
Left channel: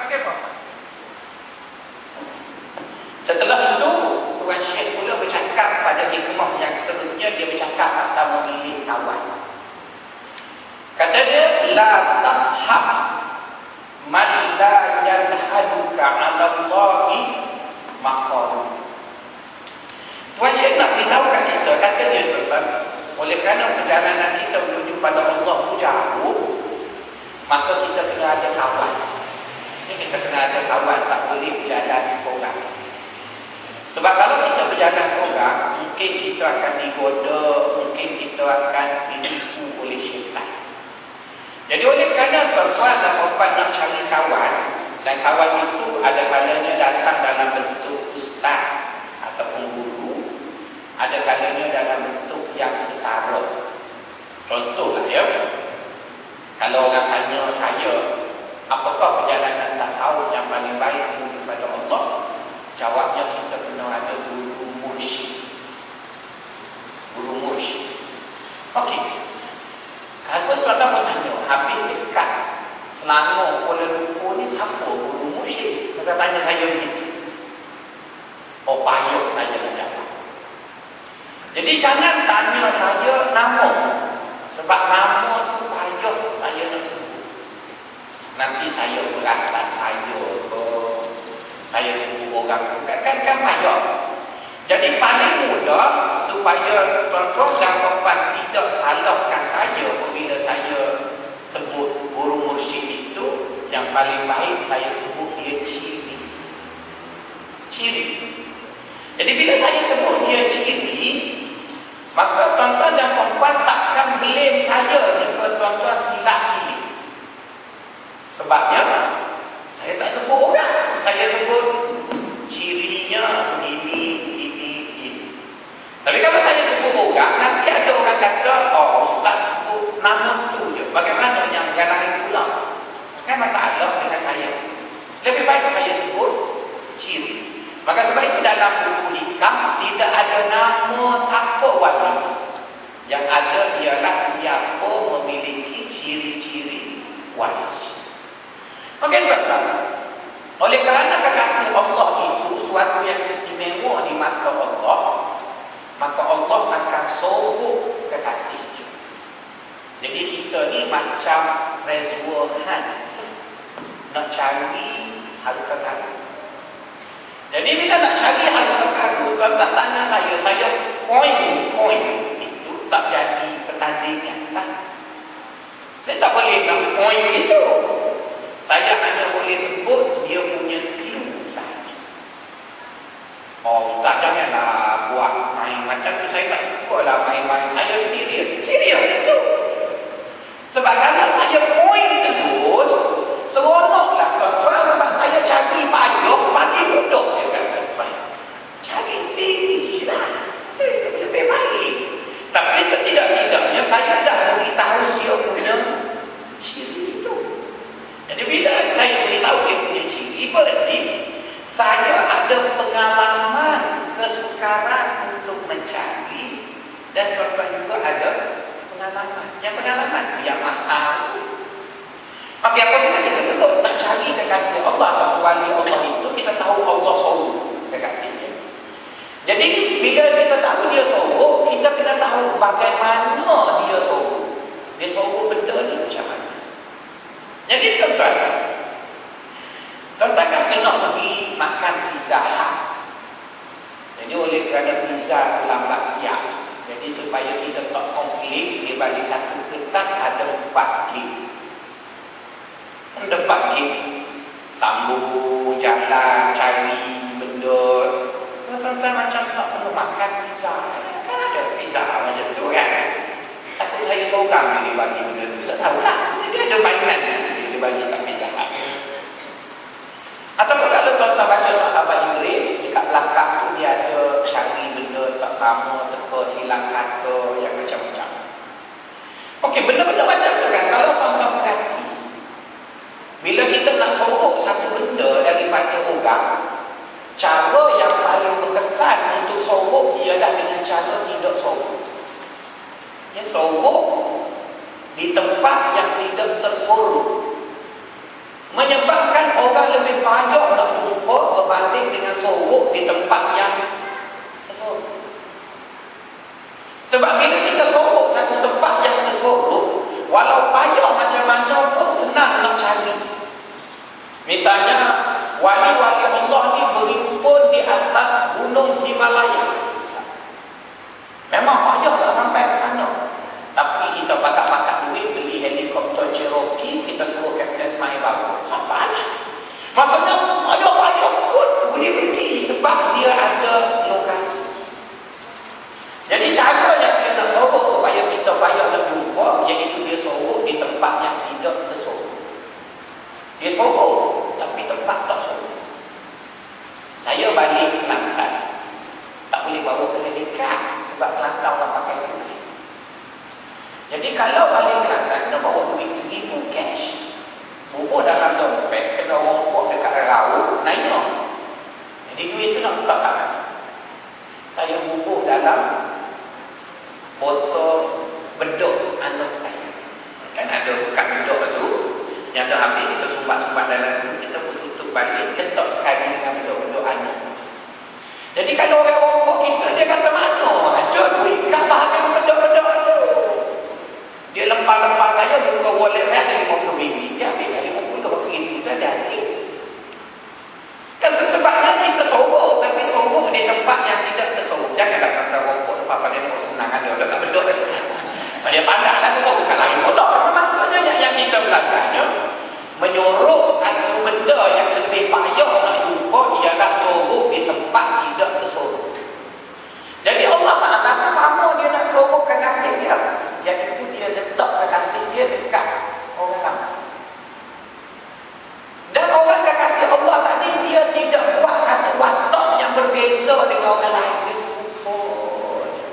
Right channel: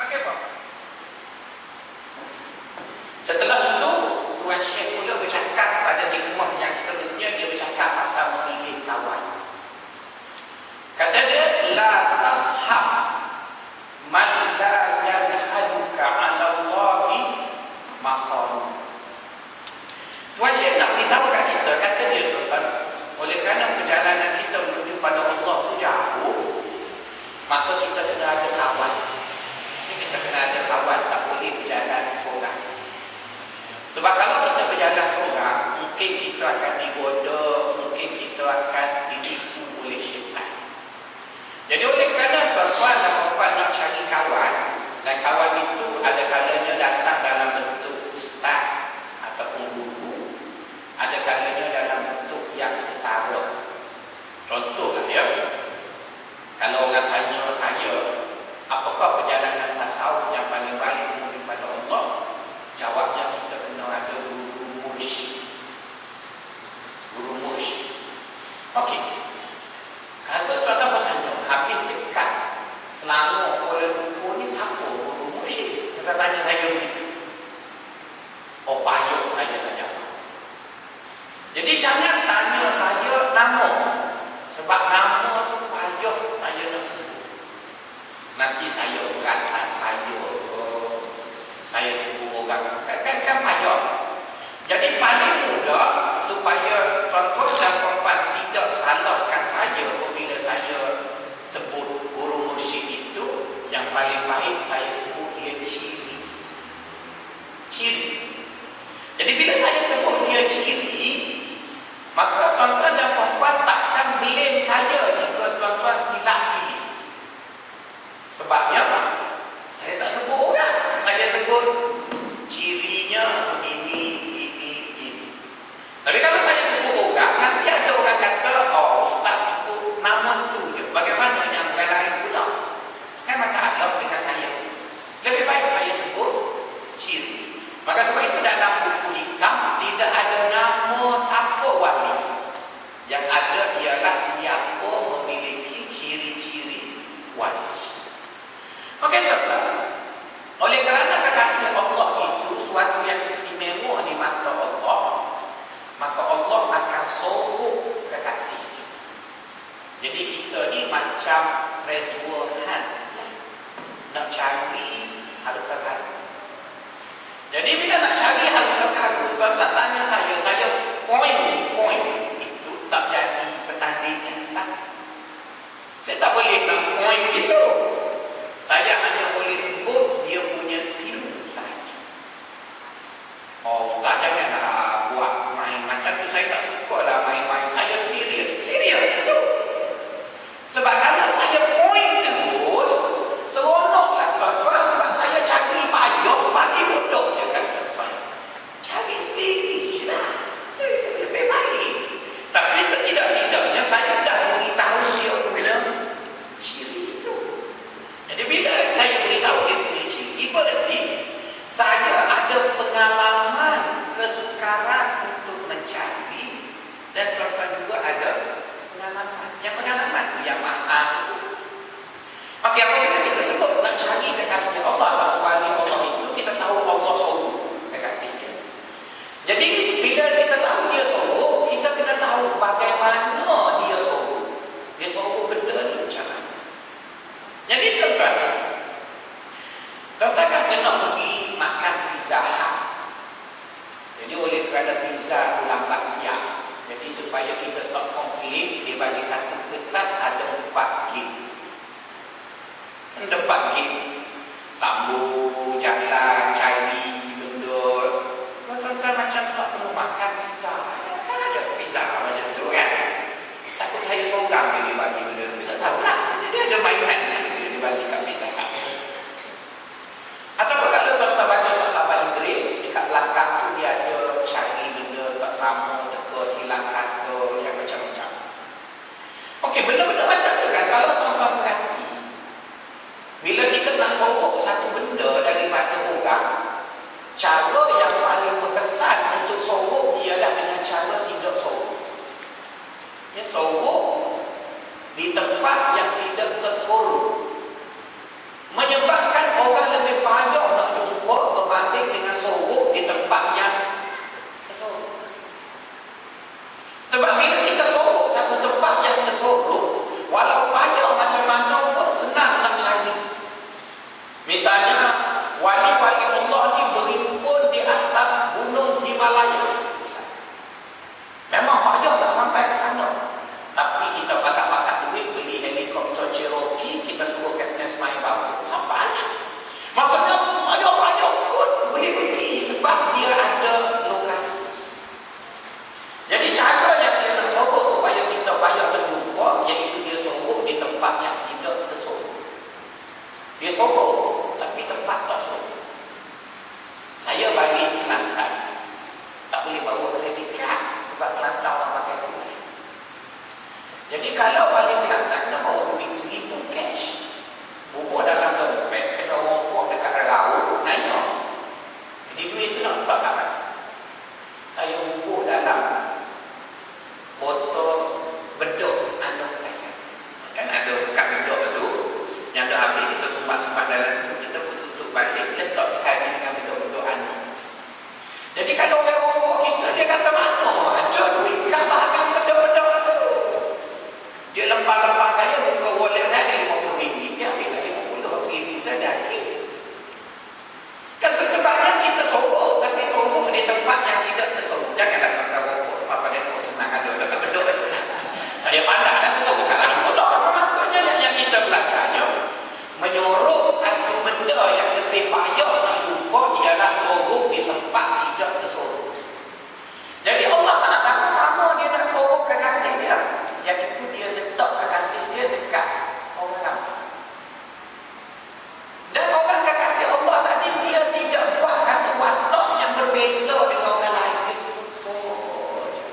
Pakai apa? seterusnya dia bercakap pasal memilih kawan. Kata dia, la tashab man la yanhaduka 'ala Allahi maqam. Tuan Syekh nak beritahu kat kita, kata dia tuan, oleh kerana perjalanan kita menuju pada Allah tu jauh, maka kita kena ada kawan. Kita kena ada kawan, tak boleh berjalan seorang. Sebab kalau kita berjalan seorang, mungkin kita akan digoda, mungkin kita akan ditipu oleh syaitan. Jadi oleh kerana tuan-tuan dan puan nak cari kawan, dan kawan itu ada kalanya datang dalam bentuk ustaz ataupun guru, ada kalanya dalam bentuk yang setara. Contohlah ya, kalau orang tanya saya, apakah perjalanan tasawuf yang paling baik menuju kepada Allah? Jawabnya kita kena ada guru mursyid. Guru mursyid. Okey. Kalau tuan-tuan bertanya, habis dekat Selangor, Kuala Lumpur ni siapa guru mursyid? Kita tanya saya begitu. Oh, payah saya nak jawab. Jadi jangan tanya saya nama. Sebab nama tu payah saya nak sebut. Nanti saya perasan saya sebut orang tu kan payah. Jadi paling mudah supaya tuan-tuan dan puan tidak salahkan saya apabila saya sebut guru mursyid itu, yang paling baik saya sebut dia ciri. Ciri. Jadi bila saya sebut dia ciri, maka tuan-tuan dan puan takkan blame saya jika tuan-tuan silap pilih. Sebabnya saya tak sebut orang, saya sebut cirinya begini. Tapi kalau saya sebut orang, nanti ada orang kata, oh ustaz sebut nama tu je, bagaimana yang lain pula? Kan masalah dengan saya. Lebih baik saya sebut ciri. Maka sebab itu dalam buku hikam tidak ada nama siapa wali. Yang ada ialah siapa memiliki ciri-ciri wali. Okey tuan-tuan. Oleh kerana kekasih Allah itu suatu yang istimewa di mata Allah, maka Allah akan sorok kekasihnya. Jadi kita ni macam reservoir nak cari harta karun. Jadi bila nak cari harta karun, tuan tak tanya saya point itu tak jadi pertandingan lah. Saya tak boleh nak point itu. Saya hanya boleh sebut dia punya clue sahaja. Oh, tak janganlah buat main macam tu. Saya tak suka lah main-main. Saya serius itu. Sebab kalau saya point terus, seronoklah tuan-tuan. Sebab saya cari payah bagi duduk je kan tuan-tuan. Cari sendiri lah. Itu lebih baik. Tapi setidak-tidaknya saya dah beritahu dia punya ciri itu. Jadi bila saya beritahu dia punya ciri, berarti saya ada pengalaman kesukaran untuk mencari, dan tuan-tuan juga ada pengalaman. Yang pengalaman tu yang mahal. Okey, apabila kita sebut nak cari kekasih Allah atau wali Allah itu, kita tahu Allah sorok kekasihnya. Jadi bila kita tahu dia sorok, kita kena tahu bagaimana dia sorok. Dia sorok benda ni macam mana. Jadi tuan-tuan kan kena pergi makan Pizza Hut. Jadi oleh kerana pizza tu lambat siap, jadi supaya kita tak komplain, dia bagi satu kertas ada 4 gig. Ada 4 gig. Sambung jalan cari benda. Tuan-tuan macam tak perlu makan pizza. Kan ada pizza macam tu kan. Takut saya seorang dia bagi benda tu. Tak tahulah. Dia ada mainan dia bagi kat Pizza Hut. Ataupun kalau tuan-tuan baca sahabat Inggeris, dekat belakang tu dia ada cari benda tak sama, teka silang kata yang macam-macam. Okey, benda-benda macam tu kan, kalau tuan-tuan perhati, bila kita nak sorok satu benda daripada orang, cara yang paling berkesan untuk sorok ialah dengan cara tidak sorok. Ya, sorok di tempat yang tidak tersorok, menyebabkan orang lebih banyak nak jumpa berbanding dengan sorok di tempat yang tersorok. Misalnya wali-wali Allah ni berhimpun di atas gunung Himalaya. Memang payah tak sampai ke sana. Tapi kita pakat-pakat duit beli helikopter Cherokee, kita suruh Kapten Ismail bawa. Sampai lah. Maksudnya payah pun boleh pergi sebab dia ada lokasi. Jadi cara yang dia nak sorok supaya kita payah nak jumpa, iaitu dia sorok di tempat yang tidak tersorok. Dia sorok, tapi tempat tak sorok. Saya balik Kelantan, tak boleh bawa kredit card sebab Kelantan orang pakai tunai. Jadi kalau balik Kelantan, kena bawa duit RM1,000 cash. Bubur dalam dompet, kena rompok dekat raut, naik. Jadi duit tu nak buka kat mana? Saya bubur dalam botol bedok anak saya. Kan ada kat bedok tu, yang dah habis kita sumbat-sumbat dalam tu, kita pun tutup balik, letak sekali dengan bedok-bedok anak. Jadi kalau orang rompok kita, dia kata mana ada duit kat bahagian bedok-bedok tu. Dia lempar-lempar saya, buka wallet saya ada RM50. Dia ambil kat RM50, RM1,000 tu ada akhir. Kan sebabnya kita sorok, tapi sorok di tempat yang tidak tersorok. Janganlah kata rompok lepas pada ni senang ada dekat bedok aja. Saya pandanglah saya sorok kat lain pula. Maksudnya yang kita belajarnya menyorok satu benda yang lebih payah nak jumpa ialah sorok di tempat tidak tersorok. Jadi Allah Ta'ala sama dia nak sorok kekasih dia, iaitu dia letak kekasih dia dekat orang ramai. Dan orang kekasih Allah tadi, dia tidak buat satu watak yang berbeza dengan orang lain. Dia serupa je.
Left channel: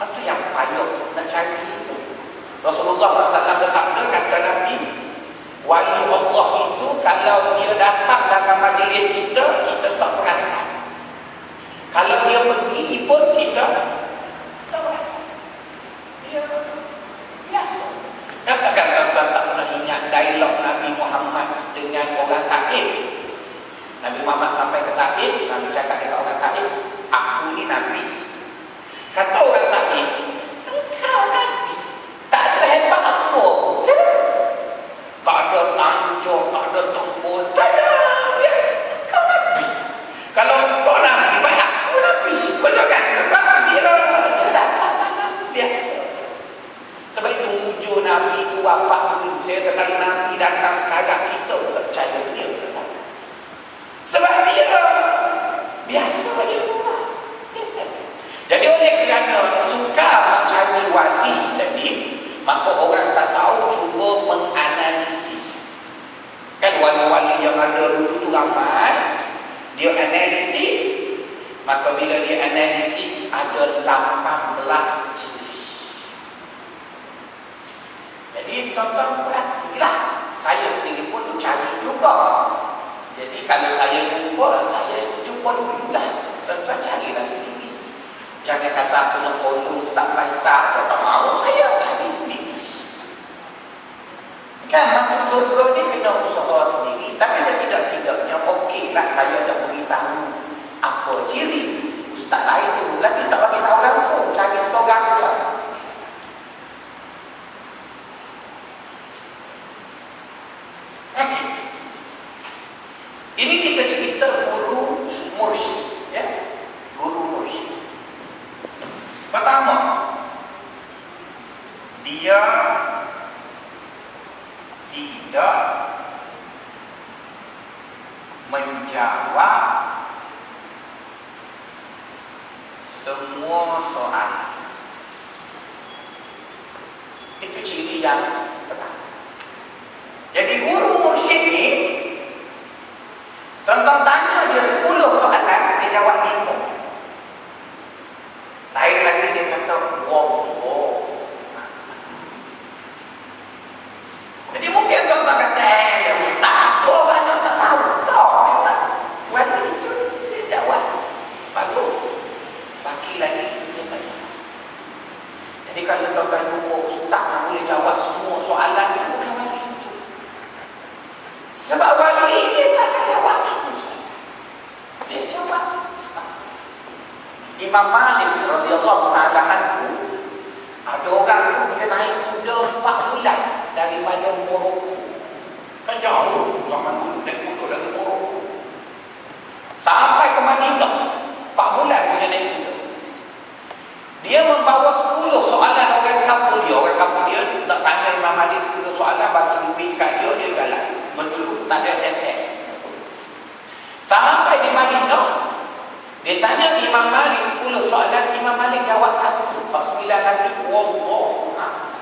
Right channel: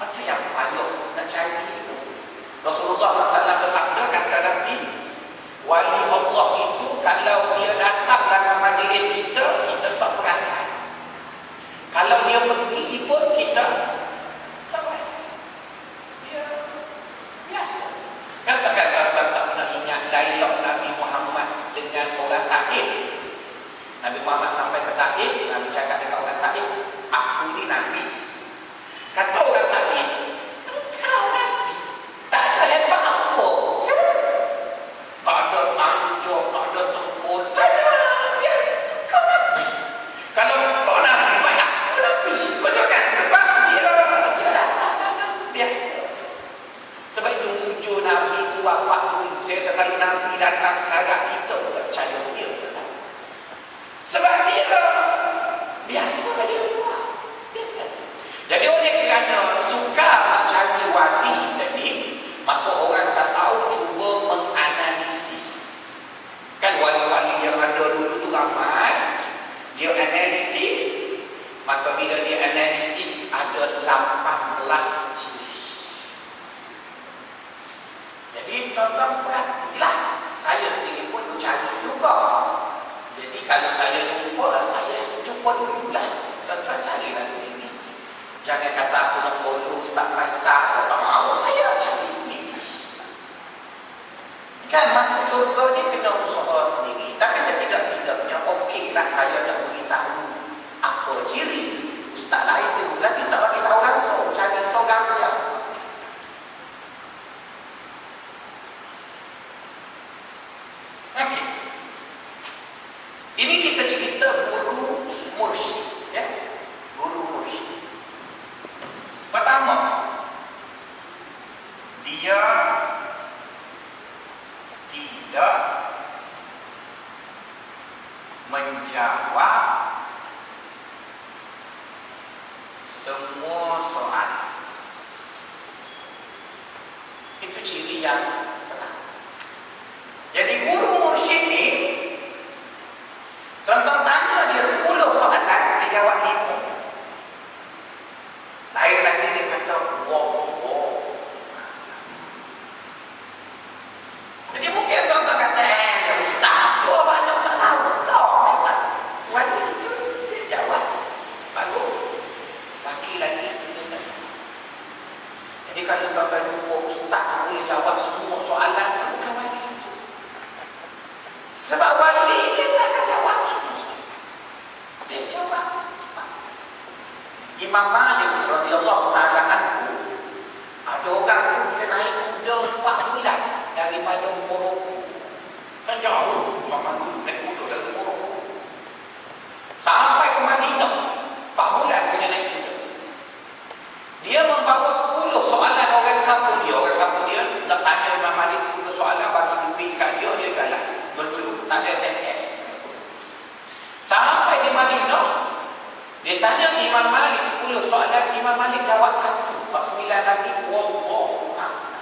Itu yang payah nak cari itu. Rasulullah SAW bersabda, kata Nabi, wali Allah itu kalau dia datang dalam majlis kita, kita tak perasan. Kalau dia pergi pun kita tak perasan. Dia biasa. Kata-kata tuan tak pernah ingat dialog Nabi Muhammad dengan orang Taif. Nabi Muhammad sampai ke Taif, Nabi cakap dekat orang Taif, aku ni Nabi. Kata orang Taif, engkau Nabi, tak ada hebat apa. Tak ada tanjung, tak ada tengkul, tak ada. Engkau Nabi. Kalau engkau Nabi, baik aku Nabi. Betul kan? Sebab dia datang biasa. Sebab itu wujud Nabi itu wafat dulu. Saya sekali Nabi datang sekarang, kita pun tak percaya dia. Sebab dia biasa saja. Biasa. Jadi oleh kerana suka nak cari wali tadi, maka orang tasawuf cuba menganalisis. Kan wali-wali yang ada dulu tu ramai, dia analisis, maka bila dia analisis ada 18 ciri. Jadi tuan-tuan perhatilah, saya sendiri pun cari juga. Jadi kalau saya jumpa dululah. Tuan-tuan carilah sendiri. Jangan kata aku nak follow Ustaz Faisal, tak mahu, saya cari sendiri. Kan masuk surga ni kena usaha sendiri. Tapi setidak-tidaknya okeylah saya dah beritahu apa ciri. Ustaz lain tu lagi tak bagi tahu langsung, cari seorang dia. Okay. Ini kita cerita guru mursyid, ya? Guru mursyid. Pertama, dia tidak menjawab semua soalan. Itu ciri yang pertama. Jadi guru mursyid ni, tuan-tuan tanya dia 10 soalan, dia jawab 5. Lain lagi dia kata, wow. Jadi mungkin tuan-tuan kata, Ustaz, apa banyak tak tahu? Tak. Wali itu dia jawab separuh. Baki lagi dia tanya. Jadi kalau tuan-tuan jumpa Ustaz yang boleh jawab semua soalan, itu bukan wali itu. Sebab wali dia tak akan jawab semua soalan. Dia jawab separuh. Imam Malik radhiyallahu ta'ala anhu, ada orang tu dia naik kuda 4 bulan daripada Morocco Kan jauh zaman dulu naik kuda dari Morocco sampai ke Madinah 4 bulan punya naik kuda. Dia membawa 10 soalan orang kampung dia nak tanya Imam Malik 10 soalan, bagi duit kat dia jalan berdulu, tak ada SMS. Sampai di Madinah dia tanya Imam Malik 10 soalan, Imam Malik jawab 1, 9 lagi wallahu a'lam.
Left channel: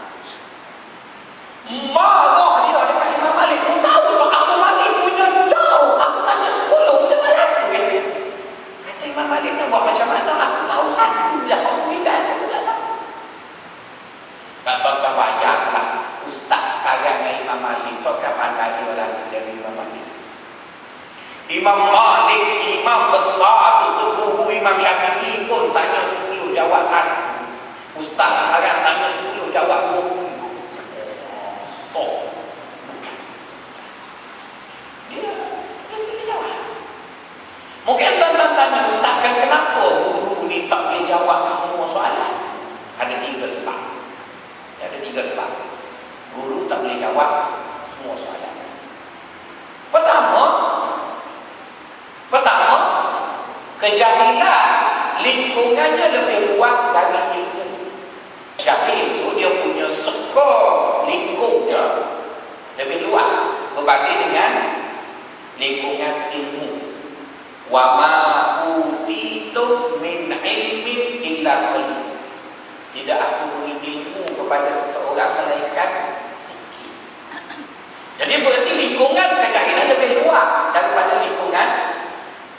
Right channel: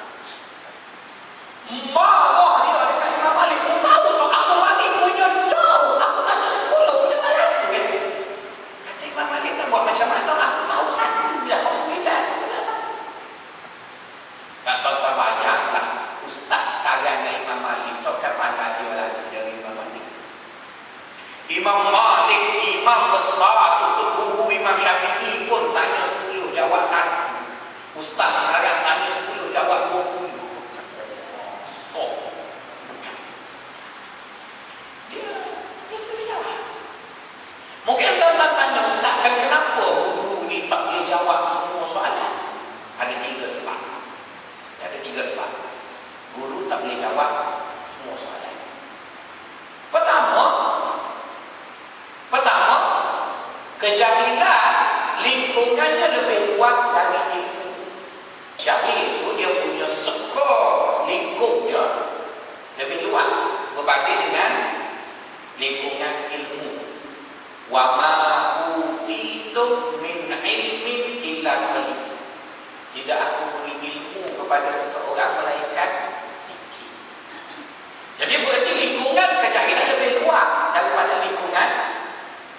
Marah dia dekat Imam Malik. Kau tahu tak aku mari punya jauh, aku tanya 10 dia malah tu kan. Kata Imam Malik nak buat macam mana, aku tahu 1 dah, kau 9 aku tak tahu. Tak tuan-tuan bayanglah ustaz sekarang dengan Imam Malik tak kapan dia lagi dari Imam Malik. Imam Malik, imam besar tu guru Imam Syafi'i pun tanya 10 jawab 1. Ustaz sekarang tanya 10 jawab 20. So dia sendiri jawab. Mungkin tuan-tuan tanya, ustaz kan kenapa guru ni tak boleh jawab semua soalan? Ada 3 sebab. Ada 3 sebab guru tak boleh jawab semua soalan. Pertama, kejahilan lingkungannya lebih luas dari ilmu. Jahil itu dia punya skop lingkupnya lebih luas berbanding dengan lingkungan ilmu. Wa ma utitum min ilmin illa qalil. Tidak aku beri ilmu kepada seseorang melainkan sikit. Jadi berarti lingkungan kejahilan lebih luas daripada lingkungan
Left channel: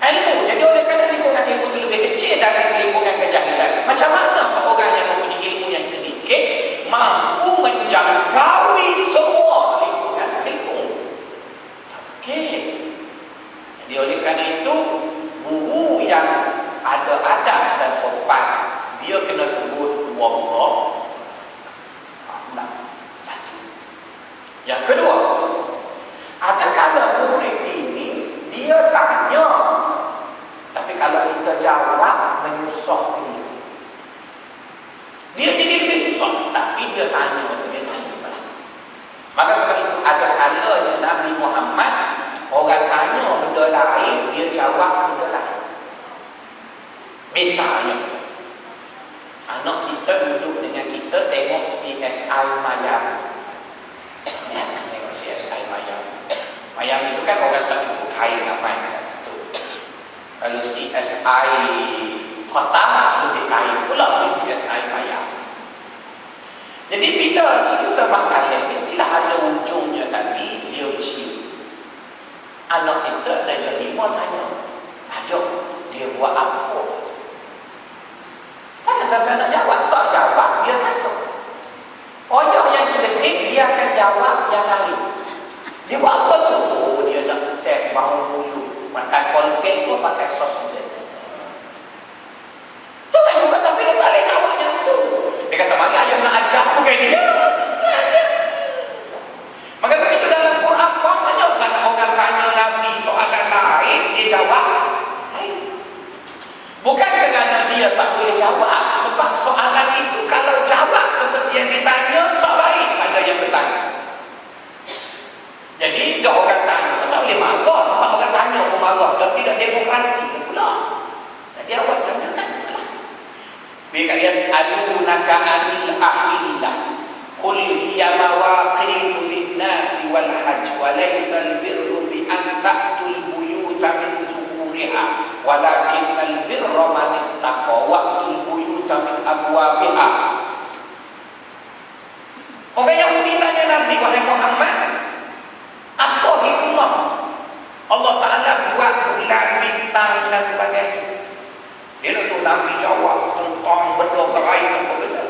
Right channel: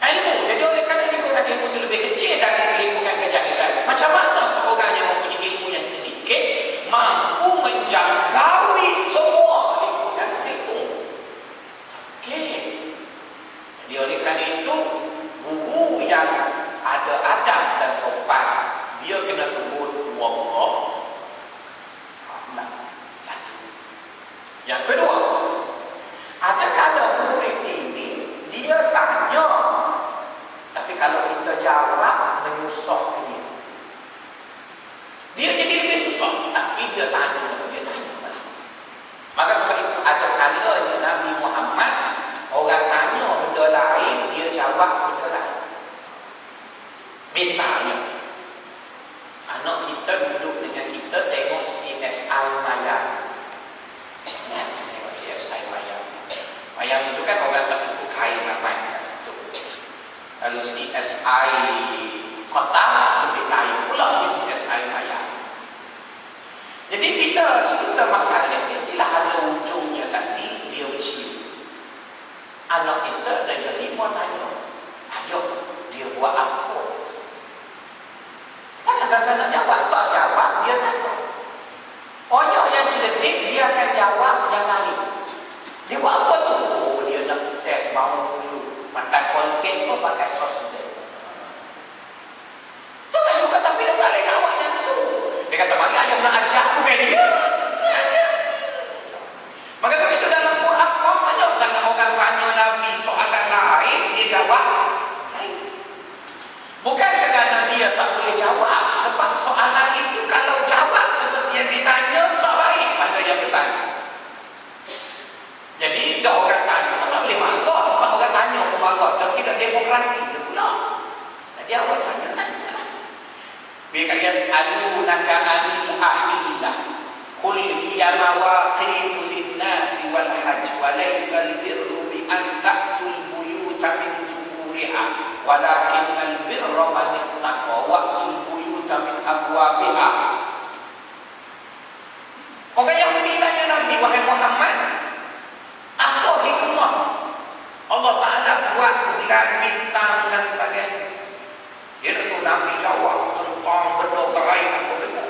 ilmu. Jadi oleh kerana lingkungan ilmu itu lebih kecil dari lingkungan kejahilan, macam mana seorang yang mempunyai ilmu yang sedikit mampu menjangkaui semua lingkungan ilmu? Okey. Jadi oleh kerana itu, guru yang ada adab dan sopan, dia kena sebut wallah a'lam. 1. Yang kedua, ada kala murid ini dia tanya, tapi kalau kita jawab menyusah dia. Dia jadi lebih susah, tapi dia tanya malah. Maka sebab itu ada kalanya Nabi Muhammad, orang tanya benda lain, dia jawab benda lain. Misalnya, anak kita duduk dengan kita tengok CSI Mayang. Tengok CSI Mayang. Mayang itu kan orang tak cukup kain ramai kat situ. Kalau CSI kota lebih kain pula di CSI Mayang. Jadi bila cerita Mak Saleh, mestilah ada ujungnya tadi dia cium. Anak kita darjah 5 tanya, ayuh dia buat apa? Takkan nak jawab, tak jawab dia tanya. Ayuh yang cerdik dia akan jawab yang lain. Dia buat apa tu? Oh, dia nak test bau mulut. Makan Colgate tu pakai sos dia. Tu kan juga, tapi dia tak boleh jawab yang tu. Dia kata, mari ayah nak ajar, bukan dia. Maka sebab itu dalam Quran, banyak sangat orang tanya Nabi soalan lain, dia jawab lain. Bukan kerana dia tak boleh jawab, sebab soalan itu kalau jawab seperti yang ditanya, tak baik pada yang bertanya. Jadi dah orang tanya, tak boleh marah sebab orang tanya pun marah, dan tidak demokrasi pula. Jadi awak tanya-tanyalah. Bika yas'alunaka 'anil ahillah qul hiya mawaqitu lin-nasi wal hajj wa laysa al-birru bi an ta'tul buyuta min zuhuriha walakinnal birra man ittaqa wa'tul buyuta min abwabiha. Orang Yahudi tanya Nabi, wahai Muhammad, apa hikmah Allah Ta'ala buat bulan, bintang dan sebagainya? Dia nak suruh Nabi jawab tentang benda gaib apa benda.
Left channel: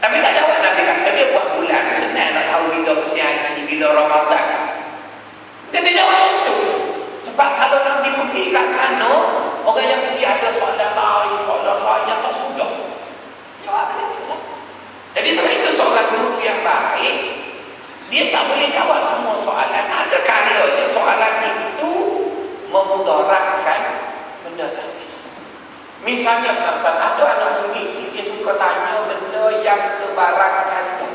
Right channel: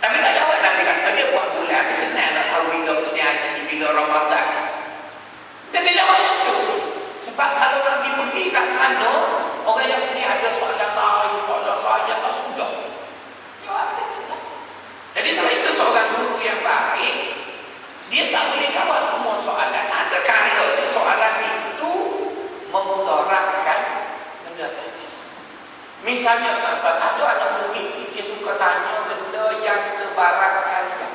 Tapi tak jawab. Nabi kata dia buat bulan, senang nak tahu bila usia haji, bila Ramadan. Dia tak jawab itu. Sebab kalau Nabi pergi kat sana, orang yang pergi ada soalan lain yang tak sudah. Jawab dia tu lah. Jadi sebab itu seorang guru yang baik, dia tak boleh jawab semua soalan. Ada kalanya soalan itu memudaratkan benda tadi. Misalnya tuan-tuan, ada anak murid dia suka tanya benda yang kebarat kalian.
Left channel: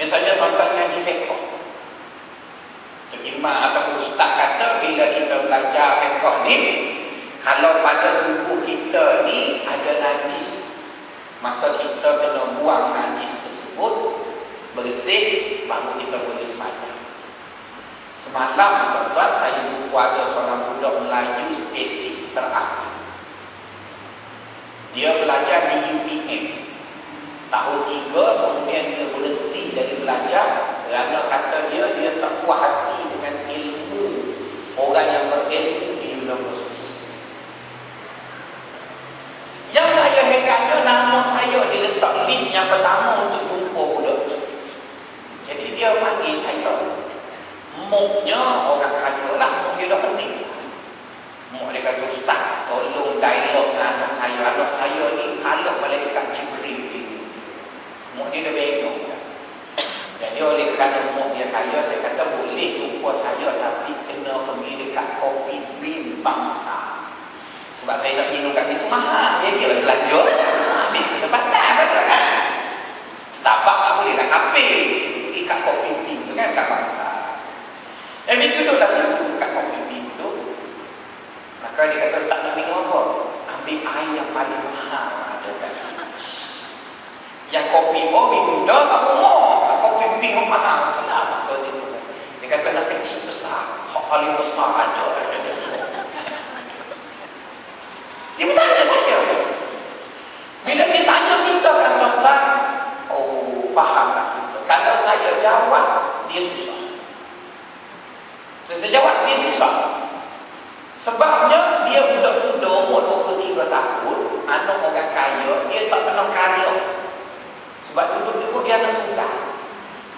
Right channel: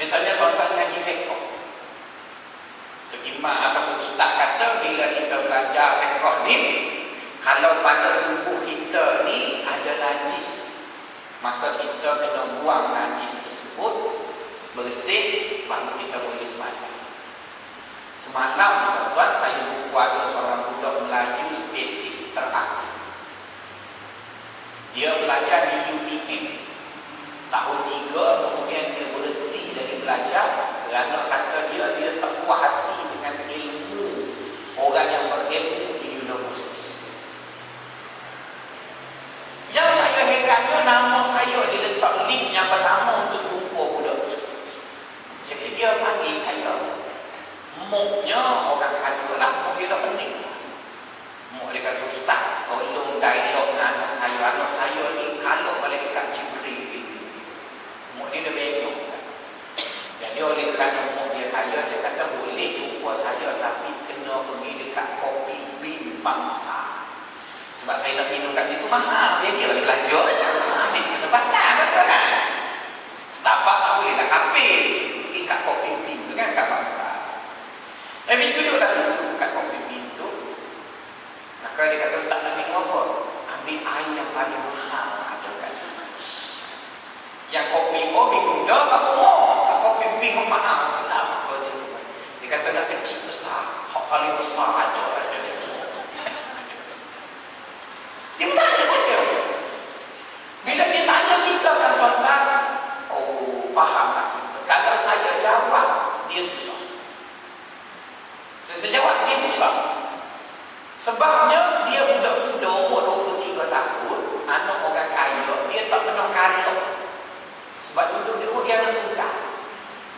Misalnya tuan-tuan ngaji fiqh. Imam ataupun ustaz kata bila kita belajar fiqh ni, kalau pada tubuh kita ni ada najis, maka kita kena buang najis tersebut bersih, baru kita boleh semalam. Semalam tuan-tuan saya jumpa ada seorang budak Melayu spesies terakhir. Dia belajar di UPM tahun 3, kemudian dia berhenti dari belajar kerana kata dia tak puas hati dengan ilmu orang yang berilmu di universiti. Yang saya herannya, nama saya diletak list yang pertama untuk jumpa budak tu. Jadi dia panggil saya, moknya orang kaya lah, mok dia dah pening. Mok dia kata, ustaz, tolong dialog dengan anak saya ni kalau malaikat Jibril. Mok dia dah bingung. Jadi oleh kerana mok dia kaya, saya kata boleh jumpa saya, tapi kena pergi dekat Kopi Bean Bangsa. Sebab saya nak minum kat situ mahal. Dia belajar ambil kesempatan, betul kan? Starbucks tak boleh lah, kafe. Pergi kat Kopi Bean tu kan, kat Bangsa. Dia duduklah situ kat Kopi Bean tu. Maka dia kata, ustaz nak minum apa? Ambil air yang paling mahal ada kat sana. Yang kopi minum dah kamu mau. Kat Kopi Bean mahal. Maka dia kata nak kecil besar. Hak paling besar ada. Dia bertanya saja. Bila dia tanya kita kan tuan-tuan, oh fahamlah kita. Kalau saya jawab, dia susah. Saya jawab, dia susah. Sebabnya dia budak-budak umur 23 tahun, anak orang kaya, dia tak pernah kalah. Sebab duduk dia anak tunggal.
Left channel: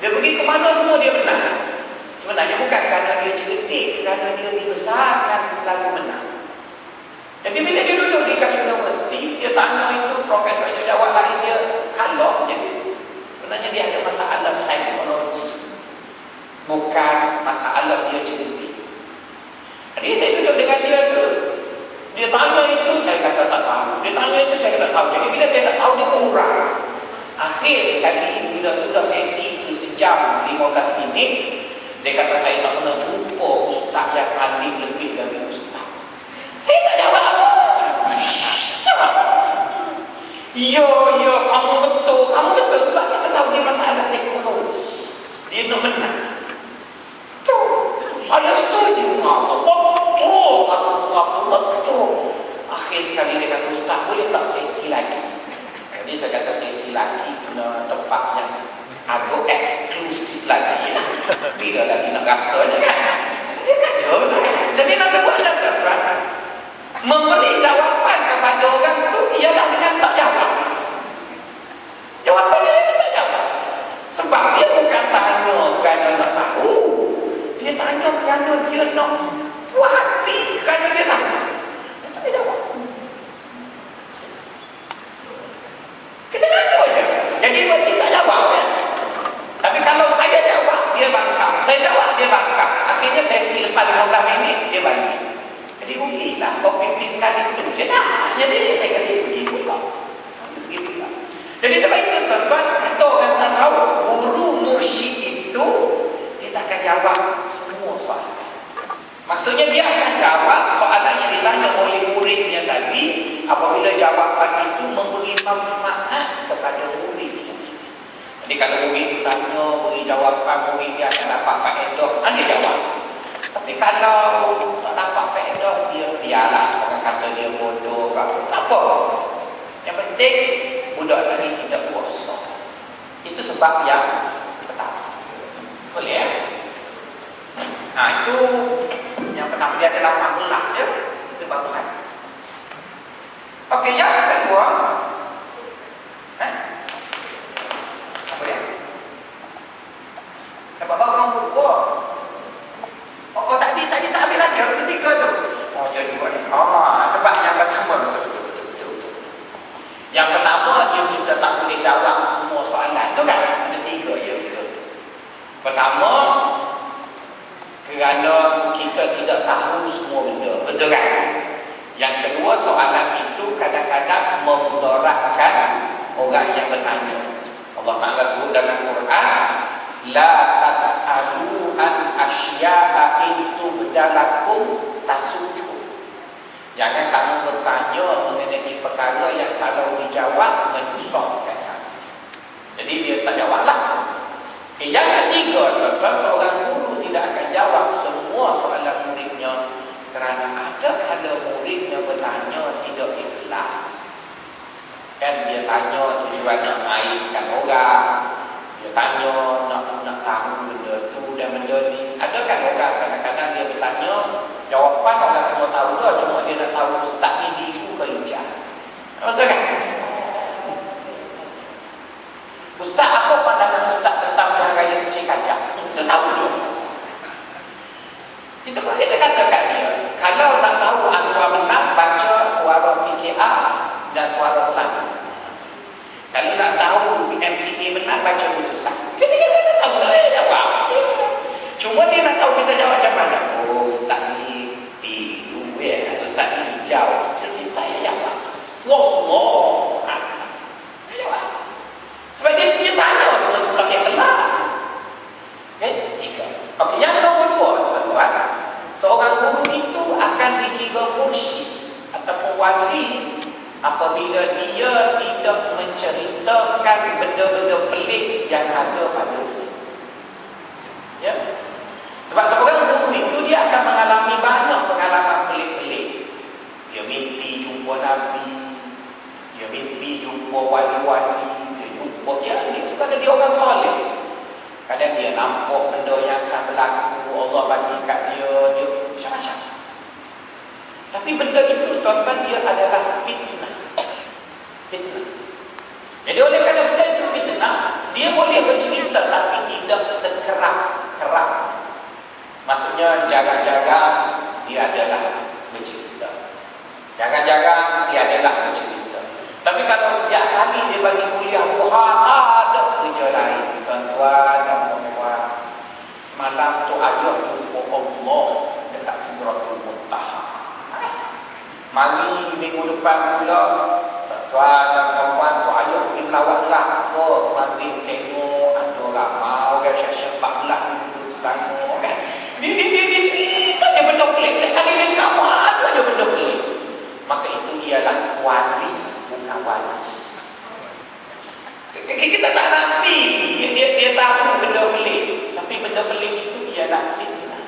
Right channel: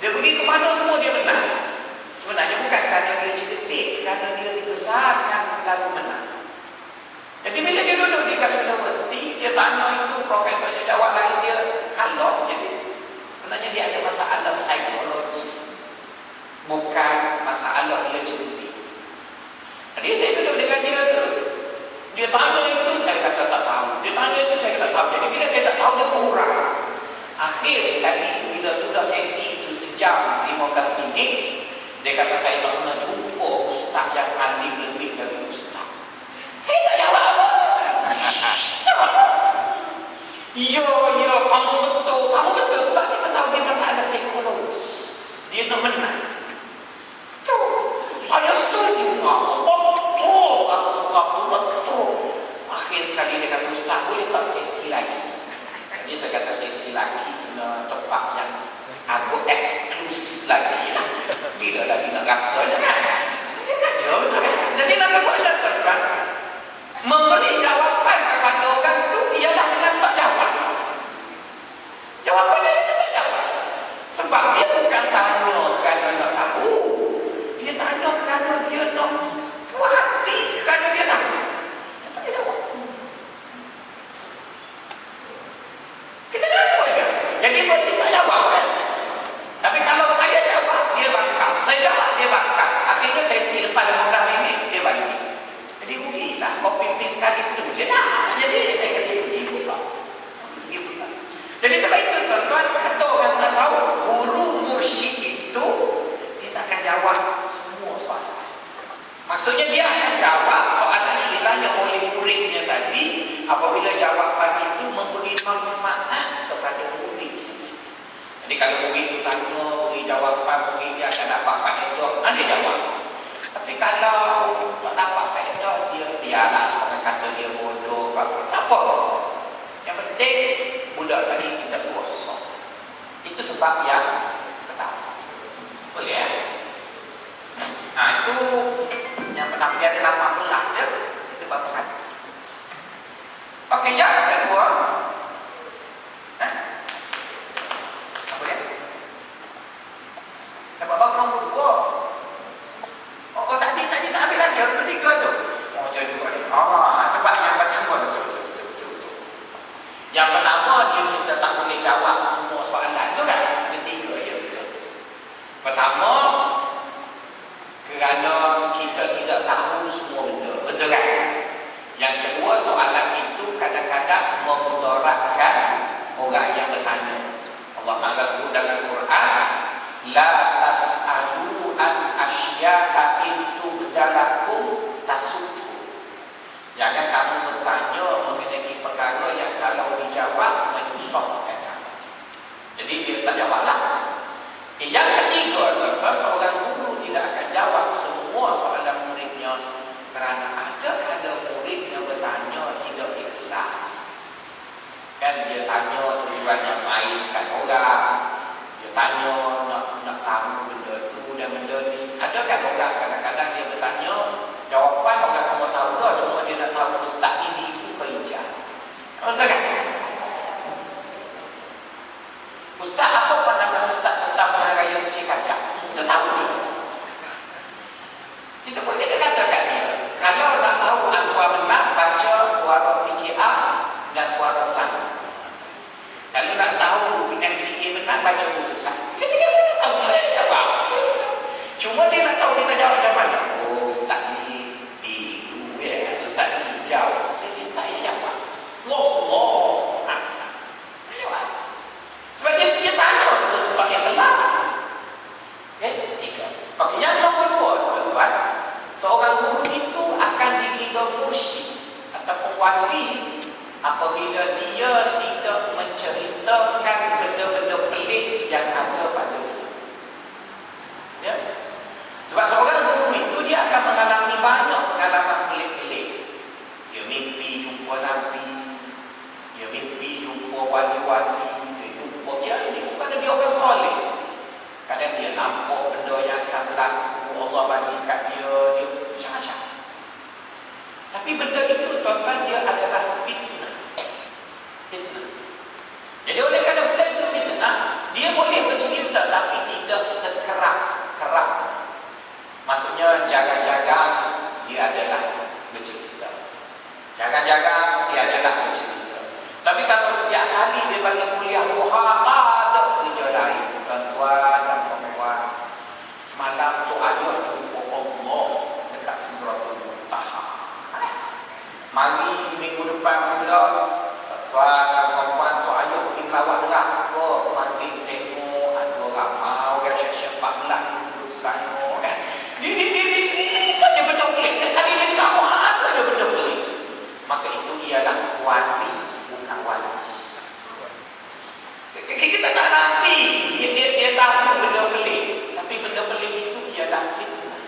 Dia pergi ke mana semua dia menang. Sebenarnya bukan kerana dia cerdik, kerana dia dibesarkan selalu menang. Jadi bila dia duduk di universiti, dia tanya itu, profesor dia jawab lain, dia kalah. Jadi sebenarnya dia ada masalah psikologi, bukan masalah dia cerdik. Jadi saya duduk dengan dia tu, dia tanya itu, saya kata tak tahu. Dia tanya itu, saya kata tahu. Jadi bila saya tak tahu, dia kurang. Akhir sekali bila sudah sesi itu sejam 15 minit, dia kata saya tak pernah jumpa ustaz yang alim lebih dari ustaz. Saya tak jawab apa. Ya, kamu betul sebab kita tahu dia masalah psikologi. Dia nak menang. Tu, saya setuju. Betul. Akhir sekali dia kata, ustaz boleh tak sesi lagi? Jadi saya kata sesi lagi kena tempat yang agak eksklusif lagi lah. Bila lagi nak rasanya kan? Dia kata, betul kan? Jadi nak sebut ada tuan-tuan, memberi jawapan kepada orang tu ialah dengan tak jawab. Jawapannya dia tak jawab. Sebab dia bukan tanya kerana nak tahu. Dia tanya kerana dia nak puas hati, kerana dia tahu. Dia tak jawab. Kita ngaku je. Jadi berarti tak jawab kan? Tapi kalau saya jawab, dia bangkang. Saya jawab, dia bangkang. Akhirnya sesi lepas 15 minit, dia balik. Jadi rugilah. Kopi sekali tu je lah. Jadi dia kata rugi pula. Jadi sebab itu tuan-tuan, kata orang tasawuf, guru mursyid itu dia tak akan jawab semua soalan. Maksudnya dia akan jawab soalan yang ditanya oleh muridnya tadi, apabila jawapan itu memberi manfaat kepada muridnya tadi. Jadi kalau murid itu tanya, beri jawapan, murid dia akan dapat faedah, dia jawab. Tapi kalau tak dapat faedah, dia biarlah, orang kata dia bodoh, tak apa. Yang penting budak tadi tidak kosong. Itu sebab yang pertama. Boleh ya? Itu yang pertama, dia ada 18 ya. Itu barusan. Okey, yang kedua, apa dia? Dapat baru nombor 2. Oh, tadi tak ambil lagi. Yang ketiga tu. Oh, dia juga ni. Sebab yang pertama betul. Yang pertama, kita tak boleh jawab semua soalan tu kan. Ada 3 je betul. Pertama, kerana kita tidak tahu semua benda. Betul kan? Yang kedua, soalan itu kadang-kadang memudaratkan orang yang bertanya. Allah Ta'ala sebut dalam Quran, la tas'alu an asya'a itu bedalakum tasukum. Jangan kamu bertanya mengenai perkara yang kalau dijawab menyusahkan kamu. Jadi dia tak jawablah. Yang ketiga, tuan-tuan, seorang guru tidak akan jawab semua soalan muridnya kerana ada kala muridnya bertanya tidak ikhlas. Kan dia tanya tujuannya mainkan orang, dia tanya nak tahu benda tu dan benda ni. Ada kan orang kadang-kadang dia bertanya, jawapan orang semua tahu dah, cuma dia nak tahu ustaz ni biru ke hijau. Betul kan? Ustaz, apa pandangan ustaz tentang Pilihan Raya Kecil Kajang? Kita tahu dulu. Kita katakan dia, kalau nak tahu Anwar menang, baca suara PKR dan suara Selangor. Kalau nak tahu MCA menang, baca putusan. Kita tak tahu apa. Cuma dia nak tahu kita jawab macam mana. Oh, ustaz ni biru ya, ustaz ni hijau. Jadi saya jawab. Wallah. Jawab. Sebab dia tanya tentang ikhlas. Okay, tiga. Okey, yang nombor dua, tuan-tuan. Seorang guru itu akan dikira mursyid ataupun wali apabila dia tidak menceritakan benda-benda pelik yang ada pada dia. Ya? Sebab seorang guru itu dia akan mengalami banyak pengalaman pelik-pelik. Dia mimpi jumpa Nabi, dia mimpi jumpa wali-wali, dia jumpa ni sebenarnya dia orang soleh. Kadang dia nampak benda yang akan berlaku, Allah bagi kat dia macam-macam. Tapi benda itu, tuan-tuan, dia adalah fitnah. Fitnah. Jadi oleh kerana benda itu fitnah, dia boleh bercerita tapi tidak sekerap-kerap. Maksudnya jarang-jarang dia adalah bercerita. Jarang-jarang dia adalah bercerita. Tapi kalau setiap kali dia bagi kuliah duha, tak ada kerja lain. Tuan-tuan dan puan-puan, semalam tu ayah jumpa Allah dekat Sidratul Muntaha. Mari minggu depan pula, tuan-tuan dan puan-puan, tu ayah pergi melawat neraka. Mari tengok ada ramai orang syekh-syekh 14 duduk sana kan. Dia cerita je benda pelik. Setiap kali dia ceramah ada je benda pelik. Maka itu ialah wali, bukan wali. Kita tak nafi dia tahu benda pelik, tapi benda pelik itu ialah fitnah.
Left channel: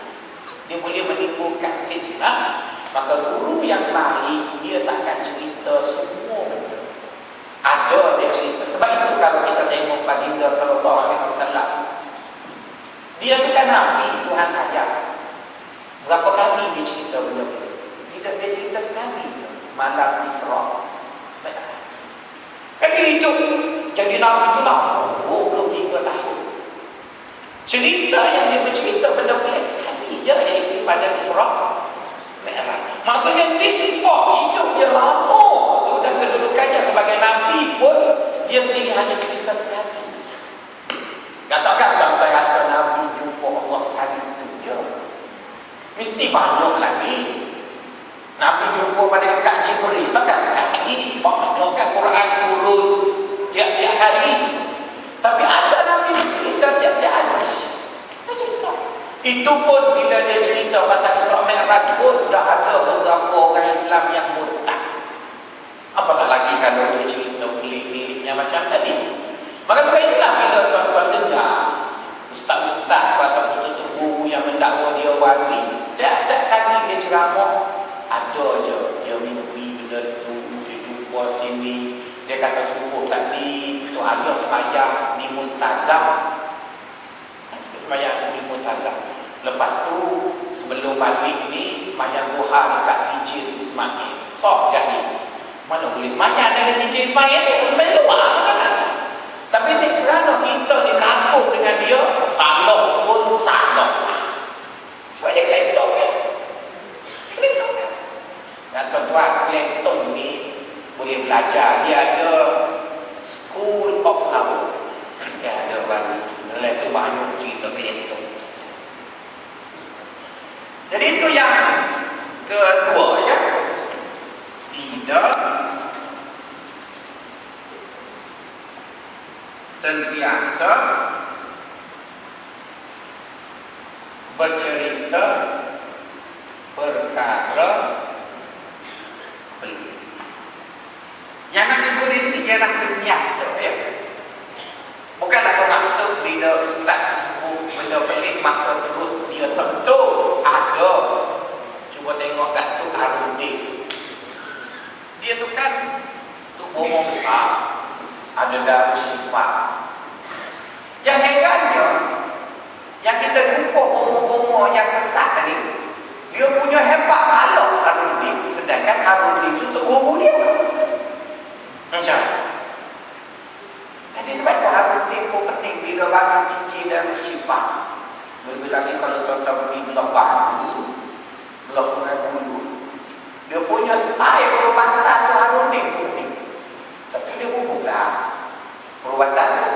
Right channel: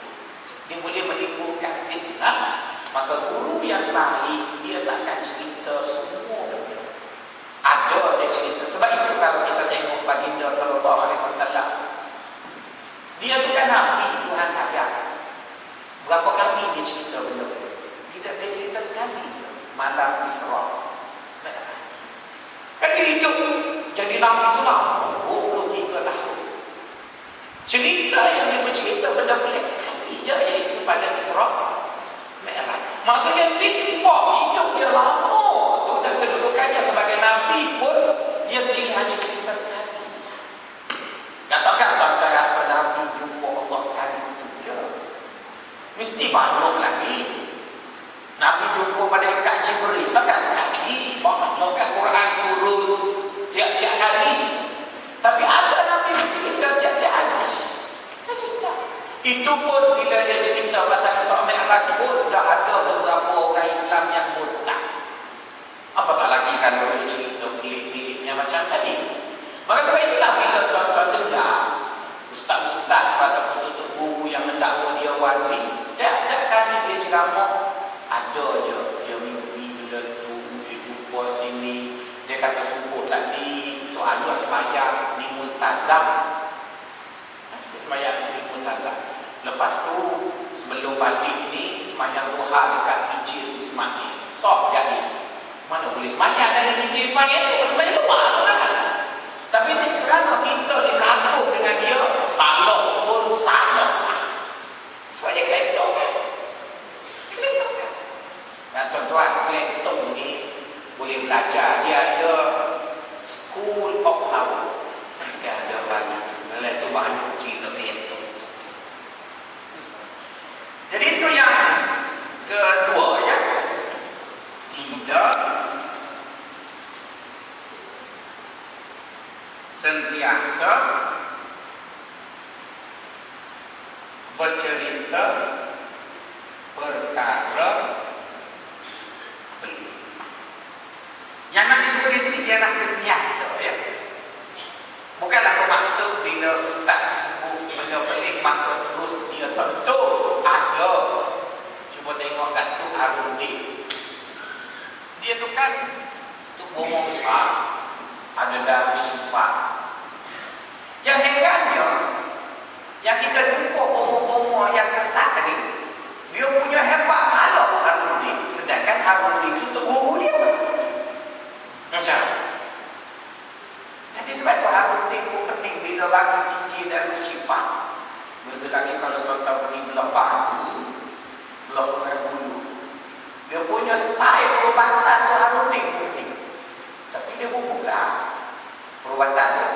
Dia boleh menimbulkan fitnah. Maka guru yang baik dia tak akan cerita semua benda. Ada dia cerita. Sebab itu kalau kita tengok baginda sallallahu alaihi wasallam, dia bukan nabi Tuhan saja. Berapa kali dia cerita benda pelik? Tidak, dia cerita sekali malam Isra. Kan dia hidup jadi nabi itu lama, 23 tahun. Cerita yang dia bercerita benda pelik sekali je, iaitu pada Isra Mi'raj. Maksudnya nisbah hidup dia lama tu dan kedudukannya sebagai nabi pun dia sendiri hanya cerita sekali. Katakan tuan-tuan rasa nabi jumpa Allah sekali itu je, mesti banyak lagi. Nabi jumpa malaikat Jibril takkan sekali, banyakkan Quran turun tiap-tiap kali. Tapi ada Nabi bercerita tiap-tiap hari. Itu pun bila dia cerita pasal Isra Mi'raj pun dah ada beberapa orang Islam yang murtad. Apatah lagi kalau dia cerita pelik-peliknya macam tadi. Maka sebab itulah bila tuan-tuan dengar ustaz-ustaz atau tutup guru yang mendakwa dia wali, tiap-tiap kali dia ceramah ada je dia mimpi benda tu, dia jumpa sini, dia kata subuh tadi tu ayah sembahyang di Multazam. Dia sembahyang di Multazam. Lepas tu sebelum balik ni sembahyang duha dekat Hijir Ismail. Sok jadi. Mana boleh sembahyang dalam Hijir Ismail tu? Sembahyang luar kan? Tapi ni kerana kita dikagum dengan dia, salah pun salah lah. Sebab dia kelentong kan? Kelentong kan? Dan tuan-tuan, kelentong ni boleh belajar. Dia ada School of Harvard. Dia ada bagi tu. Dalam tu banyak cerita kelentong. Jadi itu yang kedua ya. Tidak sentiasa bercerita perkara pelik. Yang nak disebut di sini ialah sentiasa, ya. Bukanlah bermaksud bila ustaz tu sebut benda pelik maka terus dia tentu ada. Cuba tengok Datuk Harudin. Dia tu kan Tuk Bomo besar, ada Darul Syifa. Yang herannya, yang kita jumpa bomo-bomo yang sesat tadi, dia punya hebat kalau Harudin, sedangkan Harudin itu Tuk Guru dia. Macam mana? Jadi sebab tu Harudin pun penting bila bagi siji Darul Syifa. Lebih lagi kalau tuan-tuan pergi belah Bani, belah Sungai Buloh, dia punya style perubatan tu Harudin pun penting. Tapi dia pun buka perubatan tu.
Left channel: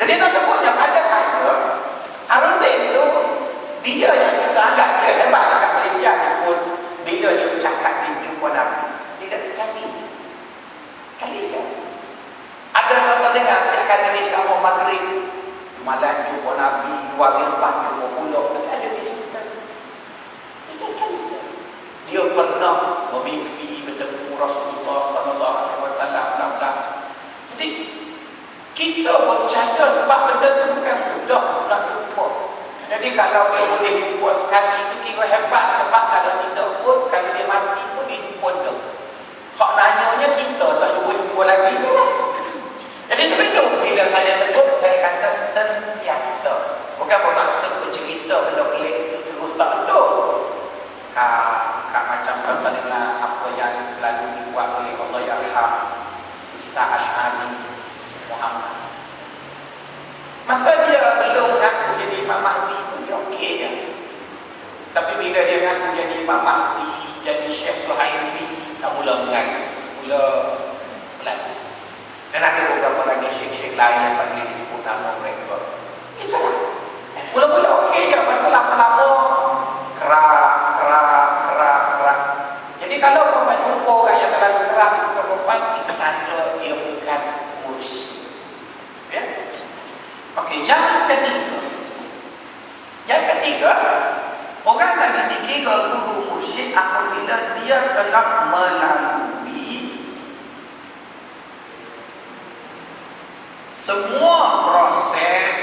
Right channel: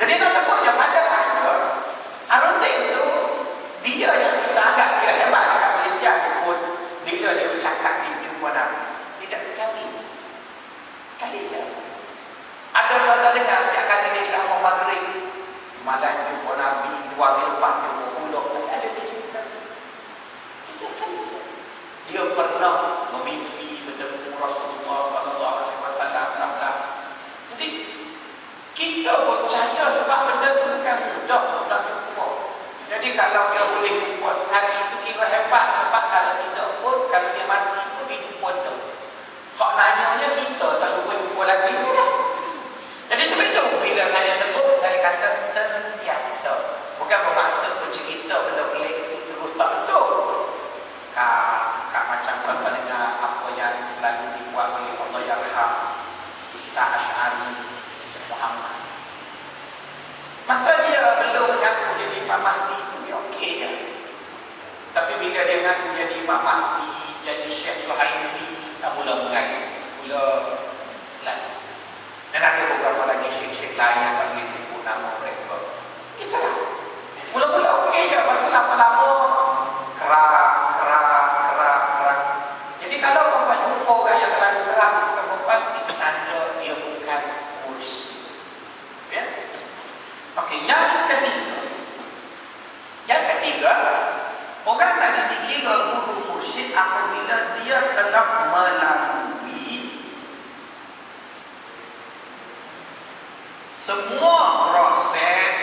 Jadi nak sebutnya pada saya, Harudin tu dia yang kita anggap dia hebat dekat Malaysia ni pun bila dia bercakap di jumpa Nabi. Tidak sekali. Kali ya. Ada tuan-tuan dengar setiap kali ni ceramah maghrib, semalam jumpa Nabi, 2 hari lepas jumpa pulak, tapi ada dia cerita. Itu sekali je. Dia pernah memimpi bertemu Rasulullah sallallahu alaihi wasallam, bla-bla. Jadi kita percaya sebab benda tu bukan mudah nak jumpa. Jadi kalau dia boleh jumpa sekali itu kira hebat, sebab kalau tidak pun, kalau dia mati pun dia jumpa dah. Hak nanyanya kita tak jumpa lagi. Jadi sebab itu bila saya sebut, saya kata sentiasa. Bukan bermaksud bercerita benda pelik itu terus tak betul. Kak macam tuan-tuan dengar apa yang selalu dibuat oleh Allah Yarham Ustaz Ash'ari Muhammad. Masa dia belum ngaku jadi Imam Mahdi itu dia okey je. Tapi bila dia ngaku jadi Imam Mahdi, jadi Syekh Suhaimi, tak mula mengaku, mula lagi. Dan ada beberapa lagi syekh-syekh lain yang tak boleh disebut nama mereka. Itulah. Mula-mula okey je, lepas tu lama-lama kerak. Jadi kalau perempuan jumpa orang yang terlalu kerak itu ke perempuan, itu tanda dia bukan mursyid. Ya? Okey, yang ketiga, orang tadi dikira guru mursyid apabila dia telah melalui semua proses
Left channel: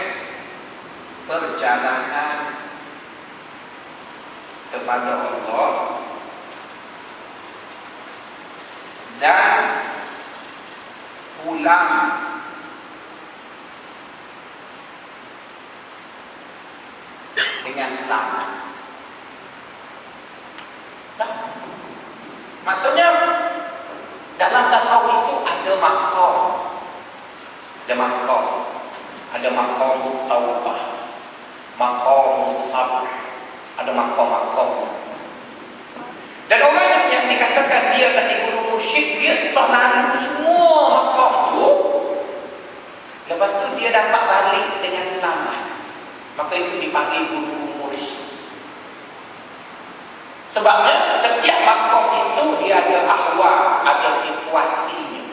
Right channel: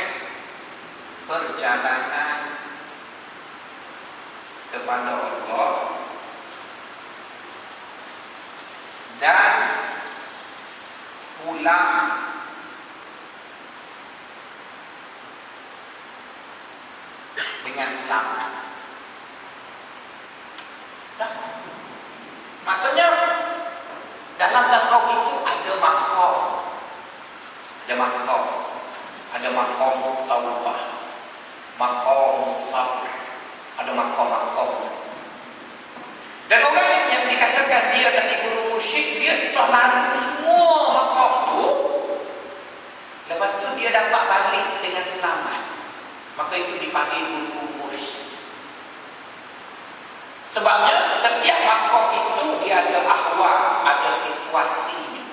perjalanan kepada Allah dan pulang dengan selamat. Maksudnya dalam tasawuf itu ada maqam. Ada maqam taubah, maqam sabr, ada maqam. Dan orang yang dikatakan dia tadi guru mursyid, dia setelah lalu semua maqam tu, lepas tu dia dapat balik dengan selamat, maka itu dipanggil guru mursyid. Sebabnya setiap maqam itu dia ada ahwal, ada situasinya.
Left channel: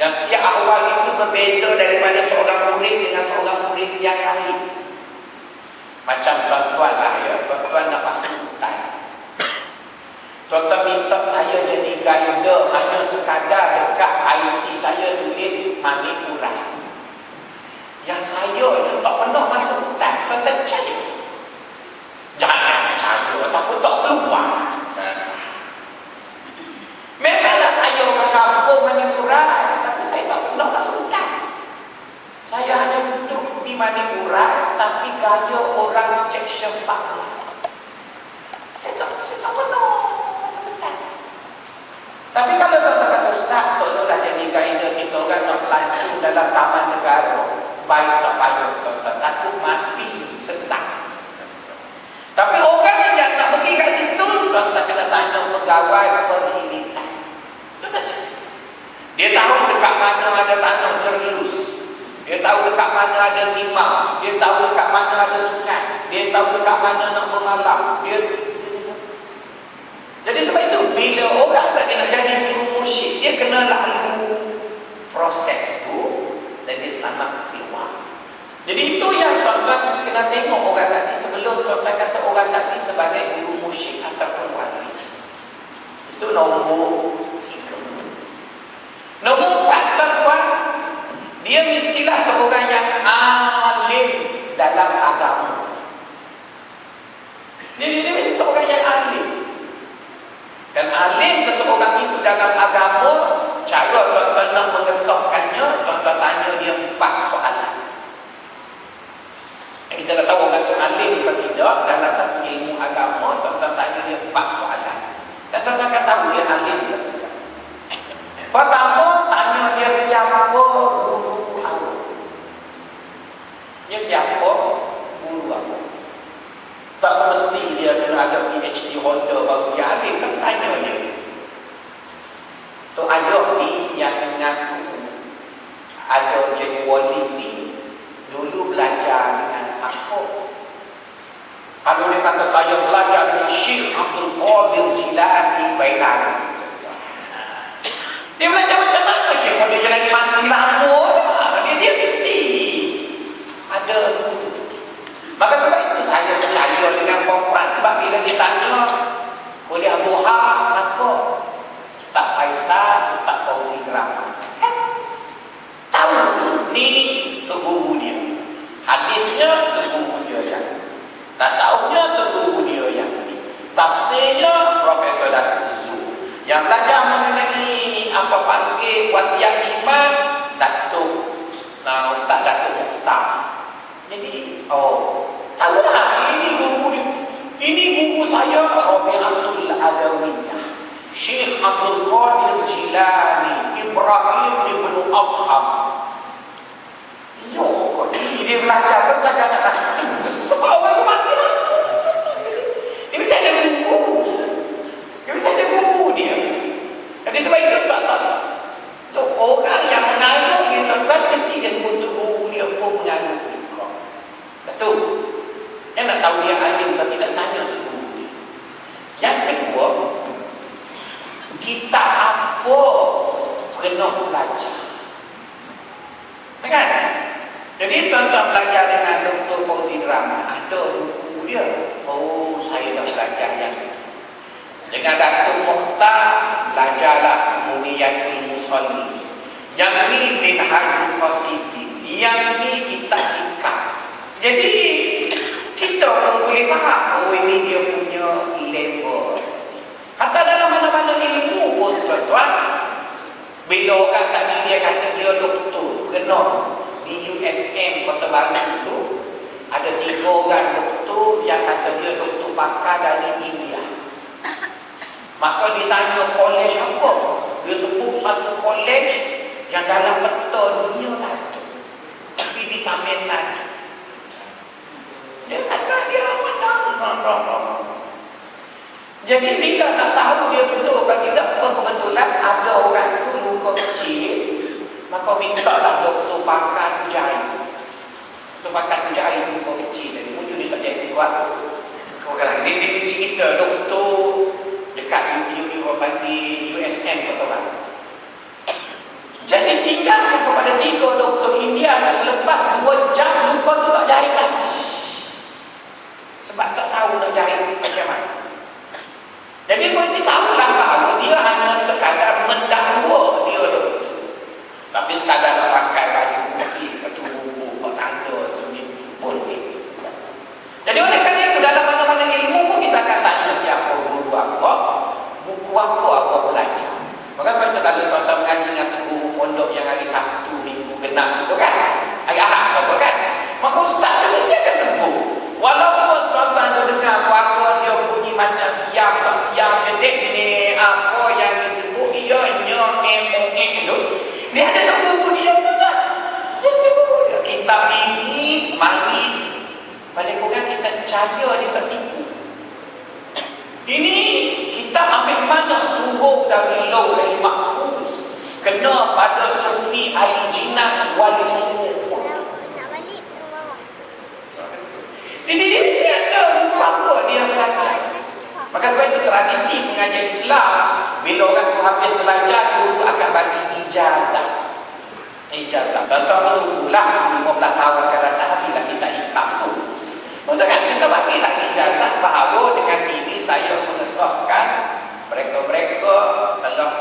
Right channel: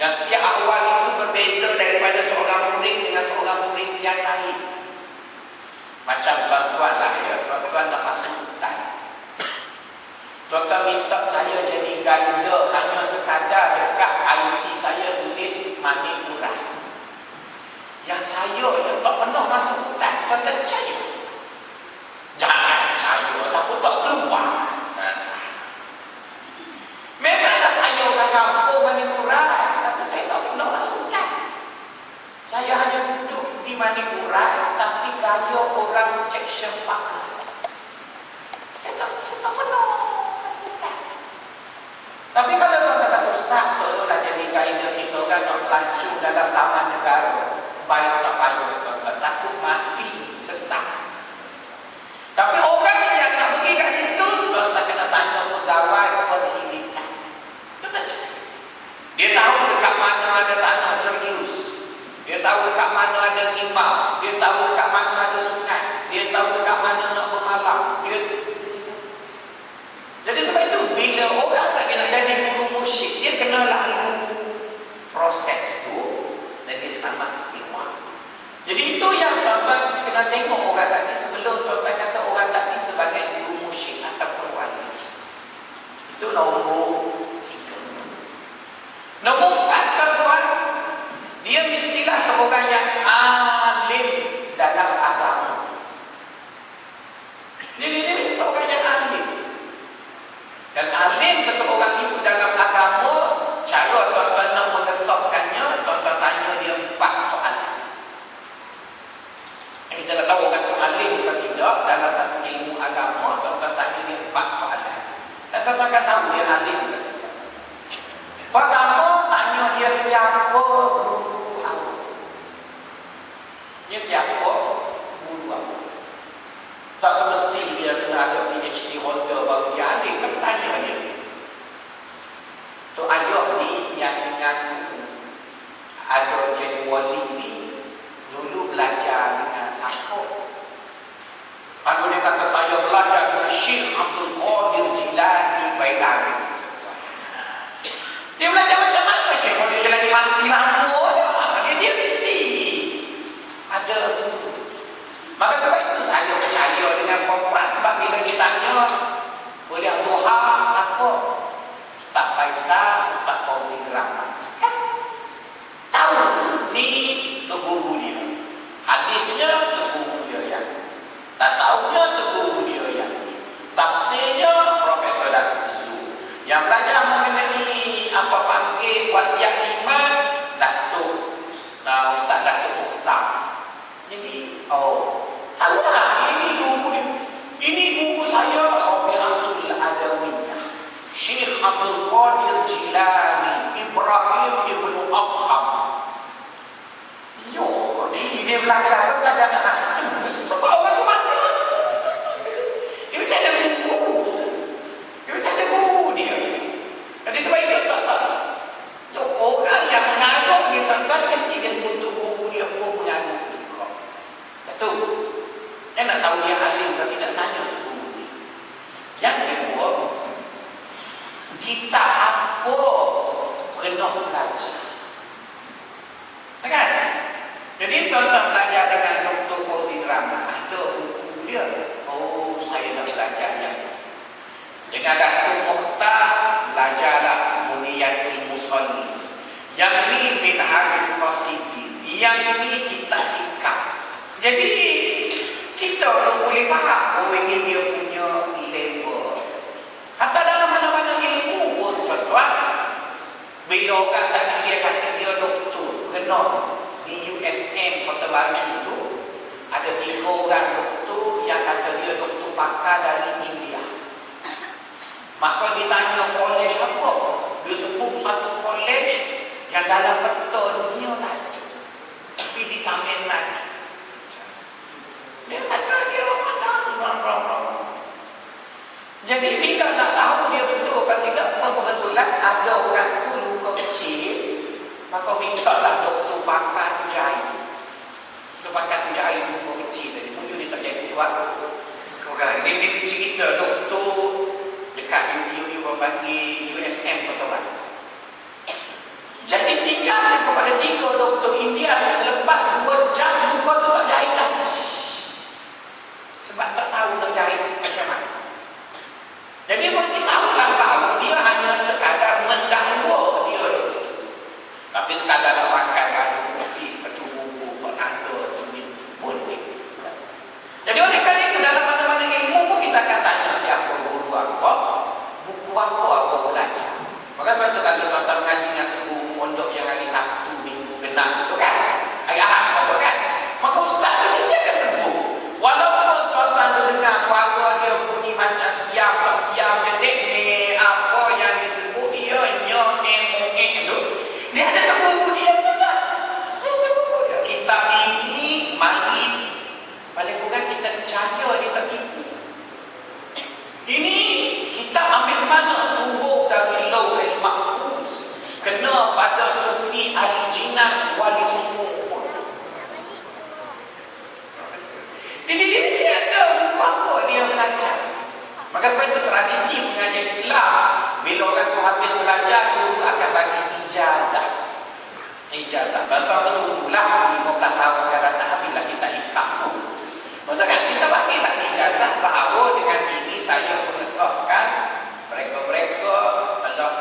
Dan setiap ahwal itu berbeza daripada seorang murid dengan seorang murid yang lain. Macam tuan-tuan lah ya, tuan-tuan nak masuk hutan. Tuan-tuan minta saya jadi guide, hanya sekadar dekat IC saya tulis Manik Urai. Yang saya yang tak pernah masuk hutan, tuan-tuan percaya? Jangan percaya, takut tak keluar. Memanglah saya orang kampung Manik Urai, tapi saya tak pernah masuk hutan. Saya hanya duduk di Manik Urai, tapi gaya orang section 14. Saya tak pernah masuk hutan. Tapi kalau tuan-tuan kata, Ustaz, tolonglah jadi guide kita orang nak lancung dalam taman negara. Baik tak payah, tuan-tuan, takut mati, sesat. Tapi orang yang nak pergi kat situ, tuan-tuan kena tanya pegawai perkhidmatan. Dia tahu dekat mana ada tanah Jerlus, dia tahu dekat mana ada rimau, dia tahu dekat mana ada sungai, dia tahu dekat mana nak bermalam. Jadi sebab itu bila orang tak kena jadi guru mursyid, dia kena lalu proses tu dan dia selamat keluar. Jadi itu yang tuan-tuan kena tengok orang tadi sebelum tuan-tuan kata orang tadi sebagai guru mursyid ataupun wali. Itu nombor 3. Nombor 4, tuan-tuan, dia mestilah seorang yang alim dalam agama. Jadi dia mesti seorang yang alim. Dan alim seseorang itu dalam agama, cara tuan-tuan nak mengesahkannya, tuan-tuan tanya dia 4 soalan. Kita nak tahu orang itu alim atau tidak dalam satu ilmu agama, tuan-tuan tanya dia 4 soalan. Dan tuan-tuan akan tahu dia alim atau tidak. Pertama, tanya dia siapa guru awak. Dia siapa guru awak. Tak semesti dia kena ada PhD holder baru dia alim. Kan tanya dia. Tu ayah ni yang mengaku ada jadi wali ni dulu belajar dengan siapa? Kalau dia kata saya belajar dengan Syekh Abdul Qadir Jilani Bailani. Dia belajar macam mana Syekh Qadir Jilani? Mati lama dah. Dia mesti ada tu. Maka sebab itu saya percaya dengan perempuan. Sebab bila dia tanya boleh Abduha siapa? Ustaz Faisal, Ustaz Fauzi Grama. Tahu ni tu guru dia. Hadisnya tu guru dia yang tasawufnya tu guru dia yang ni. Tafsirnya Profesor Datuk Zu. Yang belajar mengenai apa panggil wasiat iman Datuk Ustaz Datuk Mukhtar. Jadi tahulah ini guru dia. Ini guru saya Rabi'atul Adawiyah, Syekh Abdul Qadir Jilani Ibrahim Ibn Abham. Dia belajar dengan itu sebab orang tu mati lah. Dia mesti ada guru. Dia mesti ada guru dia. Jadi sebab itu tak orang yang mengaruh dia tuan-tuan mesti dia sebut tu guru dia pun mengaruh juga. Satu, yang nak tahu dia alim atau tidak, tanya tu guru dia. Yang kedua, kita apa kena belajar. Kan? Jadi tuan-tuan belajar dengan Dr. Fauzi Drama, ada buku dia. Saya dah belajar yang itu. Dengan Datuk Mukhtar, belajarlah Muniyatul Musalli. Yang ni Minhajul Qasidin. Yang ni kitab ikat. Jadi kita pun boleh faham, ini dia punya level. Hatta dalam mana-mana ilmu pun tuan-tuan, bila orang tadi dia kata dia doktor, kena di USM Kota Baru itu ada 3 orang doktor yang kata dia doktor pakar dari India. Maka ditanya kolej apa? Dia sebut satu kolej yang dalam peta dunia tadi, tapi di Tamil Nadu. Dia kata dia menang. Jadi bila tak tahu dia betul atau tidak, kebetulan ada orang tu luka kecil, maka mintalah doktor pakar jahit. Doktor pakar jahit luka kecil tadi. Mungkin dia tak jadi kuat. Orang ini cerita doktor dekat bagi USM Kota Baru. Jadi tinggalkan kepada 3 doktor India, selepas 2 jam luka tu tak jahit lagi. Sebab tak tahu nak jahit macam mana. Jadi mereka tahulah bahawa dia hanya sekadar mendakwa dia doktor. Tapi sekadar nak pakai baju putih, batu buku, buat tanda itu boleh. Jadi oleh kerana itu dalam mana-mana ilmu pun kita akan tanya siapa guru apa, buku apa awak belajar. Maka sebab itu kalau tuan-tuan mengaji dengan guru pondok yang hari Sabtu, Minggu genap tu kan, hari Ahad apa kan, maka ustaz tu mesti akan sebut. Walaupun tuan-tuan dengar suara dia bunyi macam siam tak siam, dia ni apa yang disebut ianya itu, dia ada guru dia tu kan. Dia guru dia. Kitab ini mari paling kurang kita percaya dia tak tipu. Ini kita ambil mana turun dari Lauhul Mahfuz, kena pada Sufi Ali Jinnah Wali Songo. Jadi dia mesti ada buku apa dia belajar. Maka sebab itu tradisi pengajian Islam, bila orang tu habis belajar, guru akan bagi ijazah. ijazah. Tuan-tuan bertunggulah 15 tahun akan datang habislah kita ikam tu. Maksudnya kita bagilah ijazah bahawa dengan ini saya mengesahkan mereka-mereka telah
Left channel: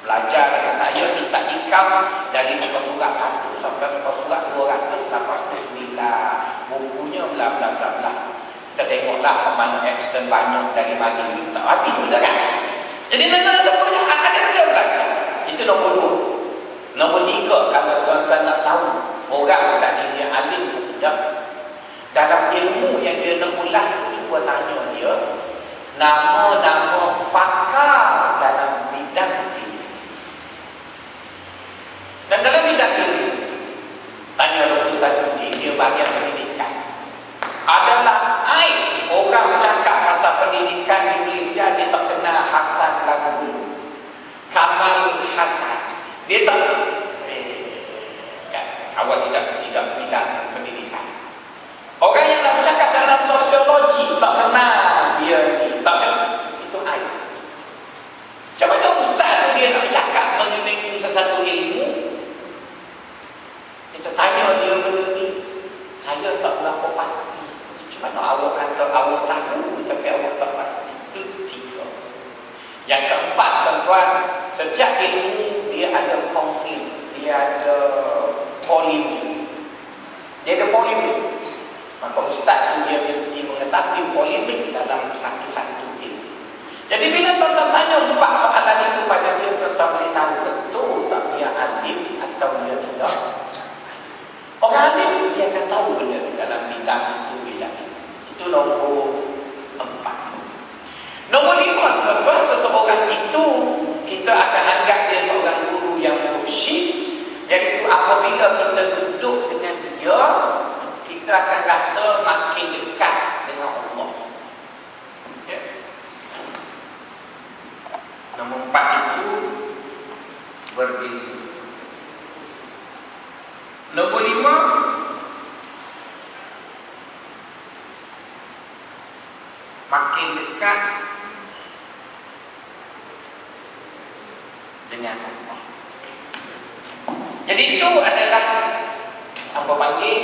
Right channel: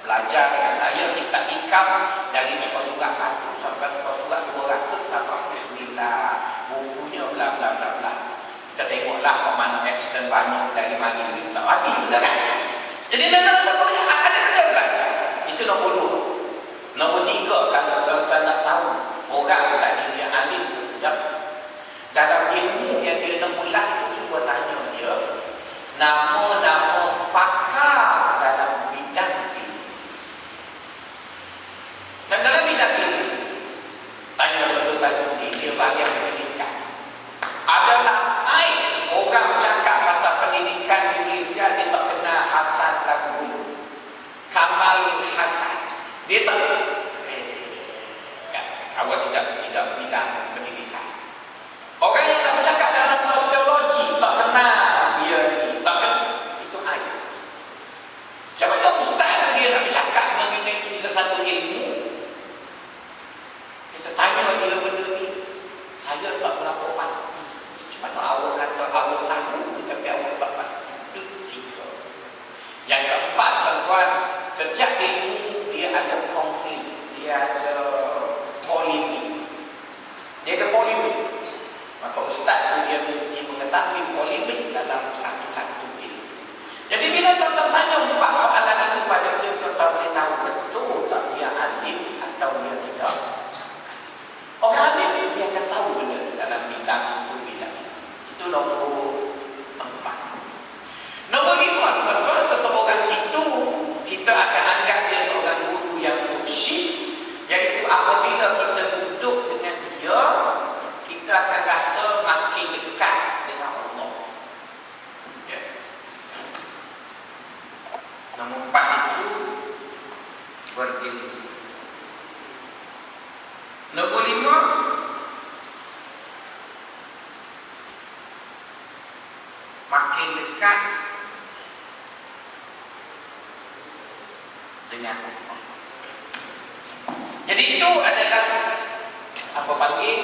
belajar dengan saya, kita ikam dari muka surat 1 sampai muka surat 289, bukunya bla bla bla bla. Kita tengoklah mana action banyak dari bagi kita tak habis betul kan? Jadi mana semuanya ada belajar. Itu nombor 2. Nombor 3, kalau tuan-tuan nak tahu orang tadi dia alim atau tidak, dalam ilmu yang dia nak ulas tu, cuba tanya dia nama-nama pakar dalam bidang ini. Dan dalam bidang ini, tanya Dr. Tajudin, dia bahagian pendidikan. Adalah aib orang bercakap pasal pendidikan di Malaysia, dia tak kenal Hasan Lagu, Kamal Hasan. Dia tak awak tidak bidang pendidikan. Orang yang dah bercakap dalam sosiologi tak kenal dia ni, tak kenal, itu aib. Macam mana ustaz tu dia nak bercakap mengenai sesuatu ilmu, kita tanya dia benda ni, saya tak berapa pasti. Macam mana awak kata awak tahu tapi awak tak pasti. Itu 3. Yang keempat, tuan-tuan, setiap ilmu dia ada konflik, dia ada polemik. Maka ustaz tu dia mesti mengetahui polemik dalam satu-satu ilmu. Jadi bila tuan-tuan tanya 4 soalan itu pada dia, tuan-tuan boleh tahu betul tak dia alim atau dia tidak. Orang alim dia akan tahu benda itu dalam bidang itu, bidang ini. Itu nombor 4. Nombor 5, tuan-tuan, seseorang itu kita akan anggap dia seorang guru yang mursyid, iaitu apabila kita duduk dengan dia, kita akan rasa makin dekat dengan Allah. Ya. Nombor 4 itu berilmu. Nombor 5, makin dekat dengan Allah. Jadi itu adalah apa panggil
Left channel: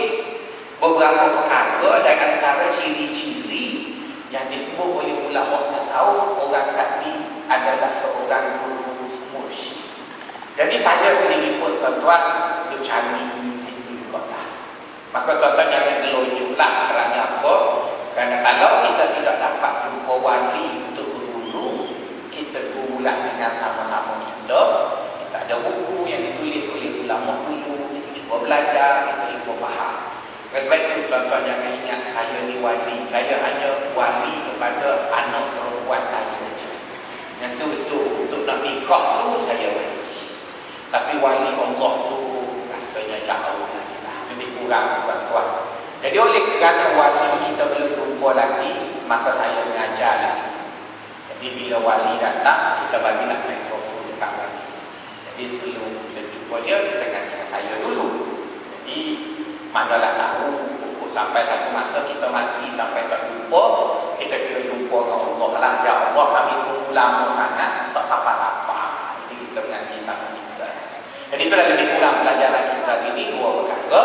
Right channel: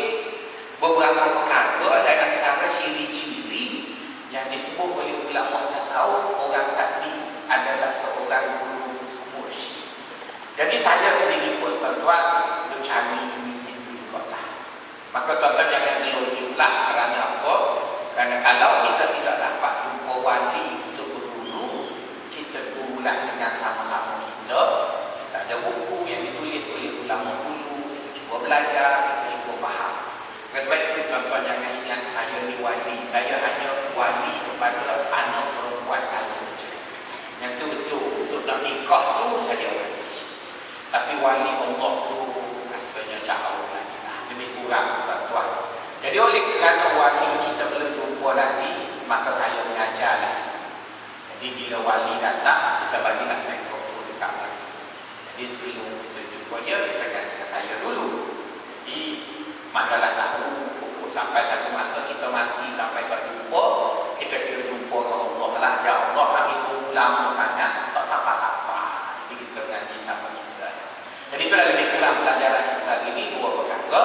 beberapa perkara dan antara ciri-ciri yang disebut oleh ulama tasawuf orang tadi adalah seorang guru mursyid. Jadi saya sendiri pun tuan-tuan duk cari itu juga lah. Maka tuan-tuan jangan gelojuklah. Kerana apa? Kerana kalau kita tidak dapat jumpa wali untuk berguru, kita gurulah dengan sama-sama kita. Kita ada buku yang ditulis oleh ulama dulu, kita cuba belajar, kita cuba faham. Oleh sebab itu tuan-tuan jangan ingat saya ni wali, saya hanya wali kepada anak perempuan saya. Yang tu betul, untuk nak nikah tu saya wali. Tapi wali Allah tu rasanya jauh lagi lah, lebih kurang tuan-tuan. Jadi oleh kerana wali kita belum jumpa lagi, maka saya mengajar lagi. Jadi bila wali datang, kita bagilah mikrofon dekat wali. Jadi sebelum kita jumpa dia, kita gantikan saya dulu. Jadi manalah tahu sampai satu masa kita mati sampai tak jumpa, kita kira jumpa dengan Allah lah. Ya Allah, kami tunggu lama sangat tak sapa-sapa. Jadi kita mengaji sama kita. Jadi itulah lebih kurang pelajaran kita hari ini. 2 perkara.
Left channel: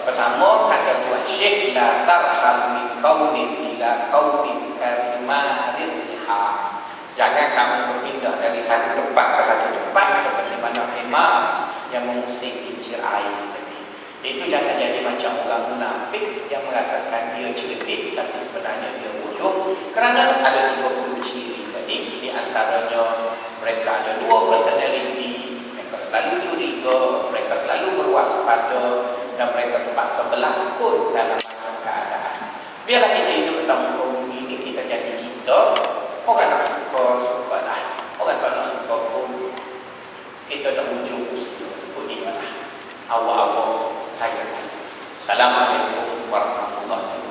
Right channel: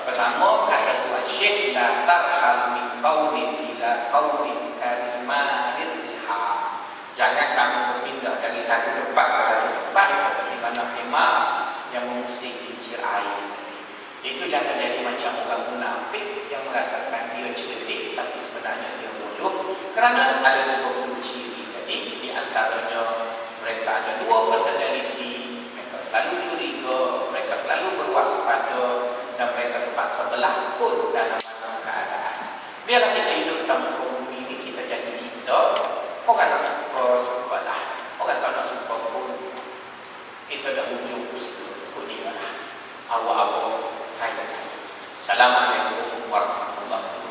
Pertama, kata Tuan Syekh, la tarhal min qaumin ila qaumin karimarir liha. Jangan kamu berpindah dari satu tempat ke satu tempat seperti mana himar yang mengusik kincir air tadi. Itu jangan jadi macam orang munafik yang merasakan dia cerdik tapi sebenarnya dia bodoh. Kerana ada 30 ciri tadi. Di antaranya mereka ada 2 personality. Mereka selalu curiga, mereka selalu berwaspada, dan mereka terpaksa berlakon dalam banyak keadaan. Biarlah kita hidup dalam muka bumi ini, kita jadi kita. Orang nak suka lah. Orang tak nak suka pun, kita dah ujung ikut dia lah. Awak-awak, saya. Assalamualaikum warahmatullahi wabarakatuh.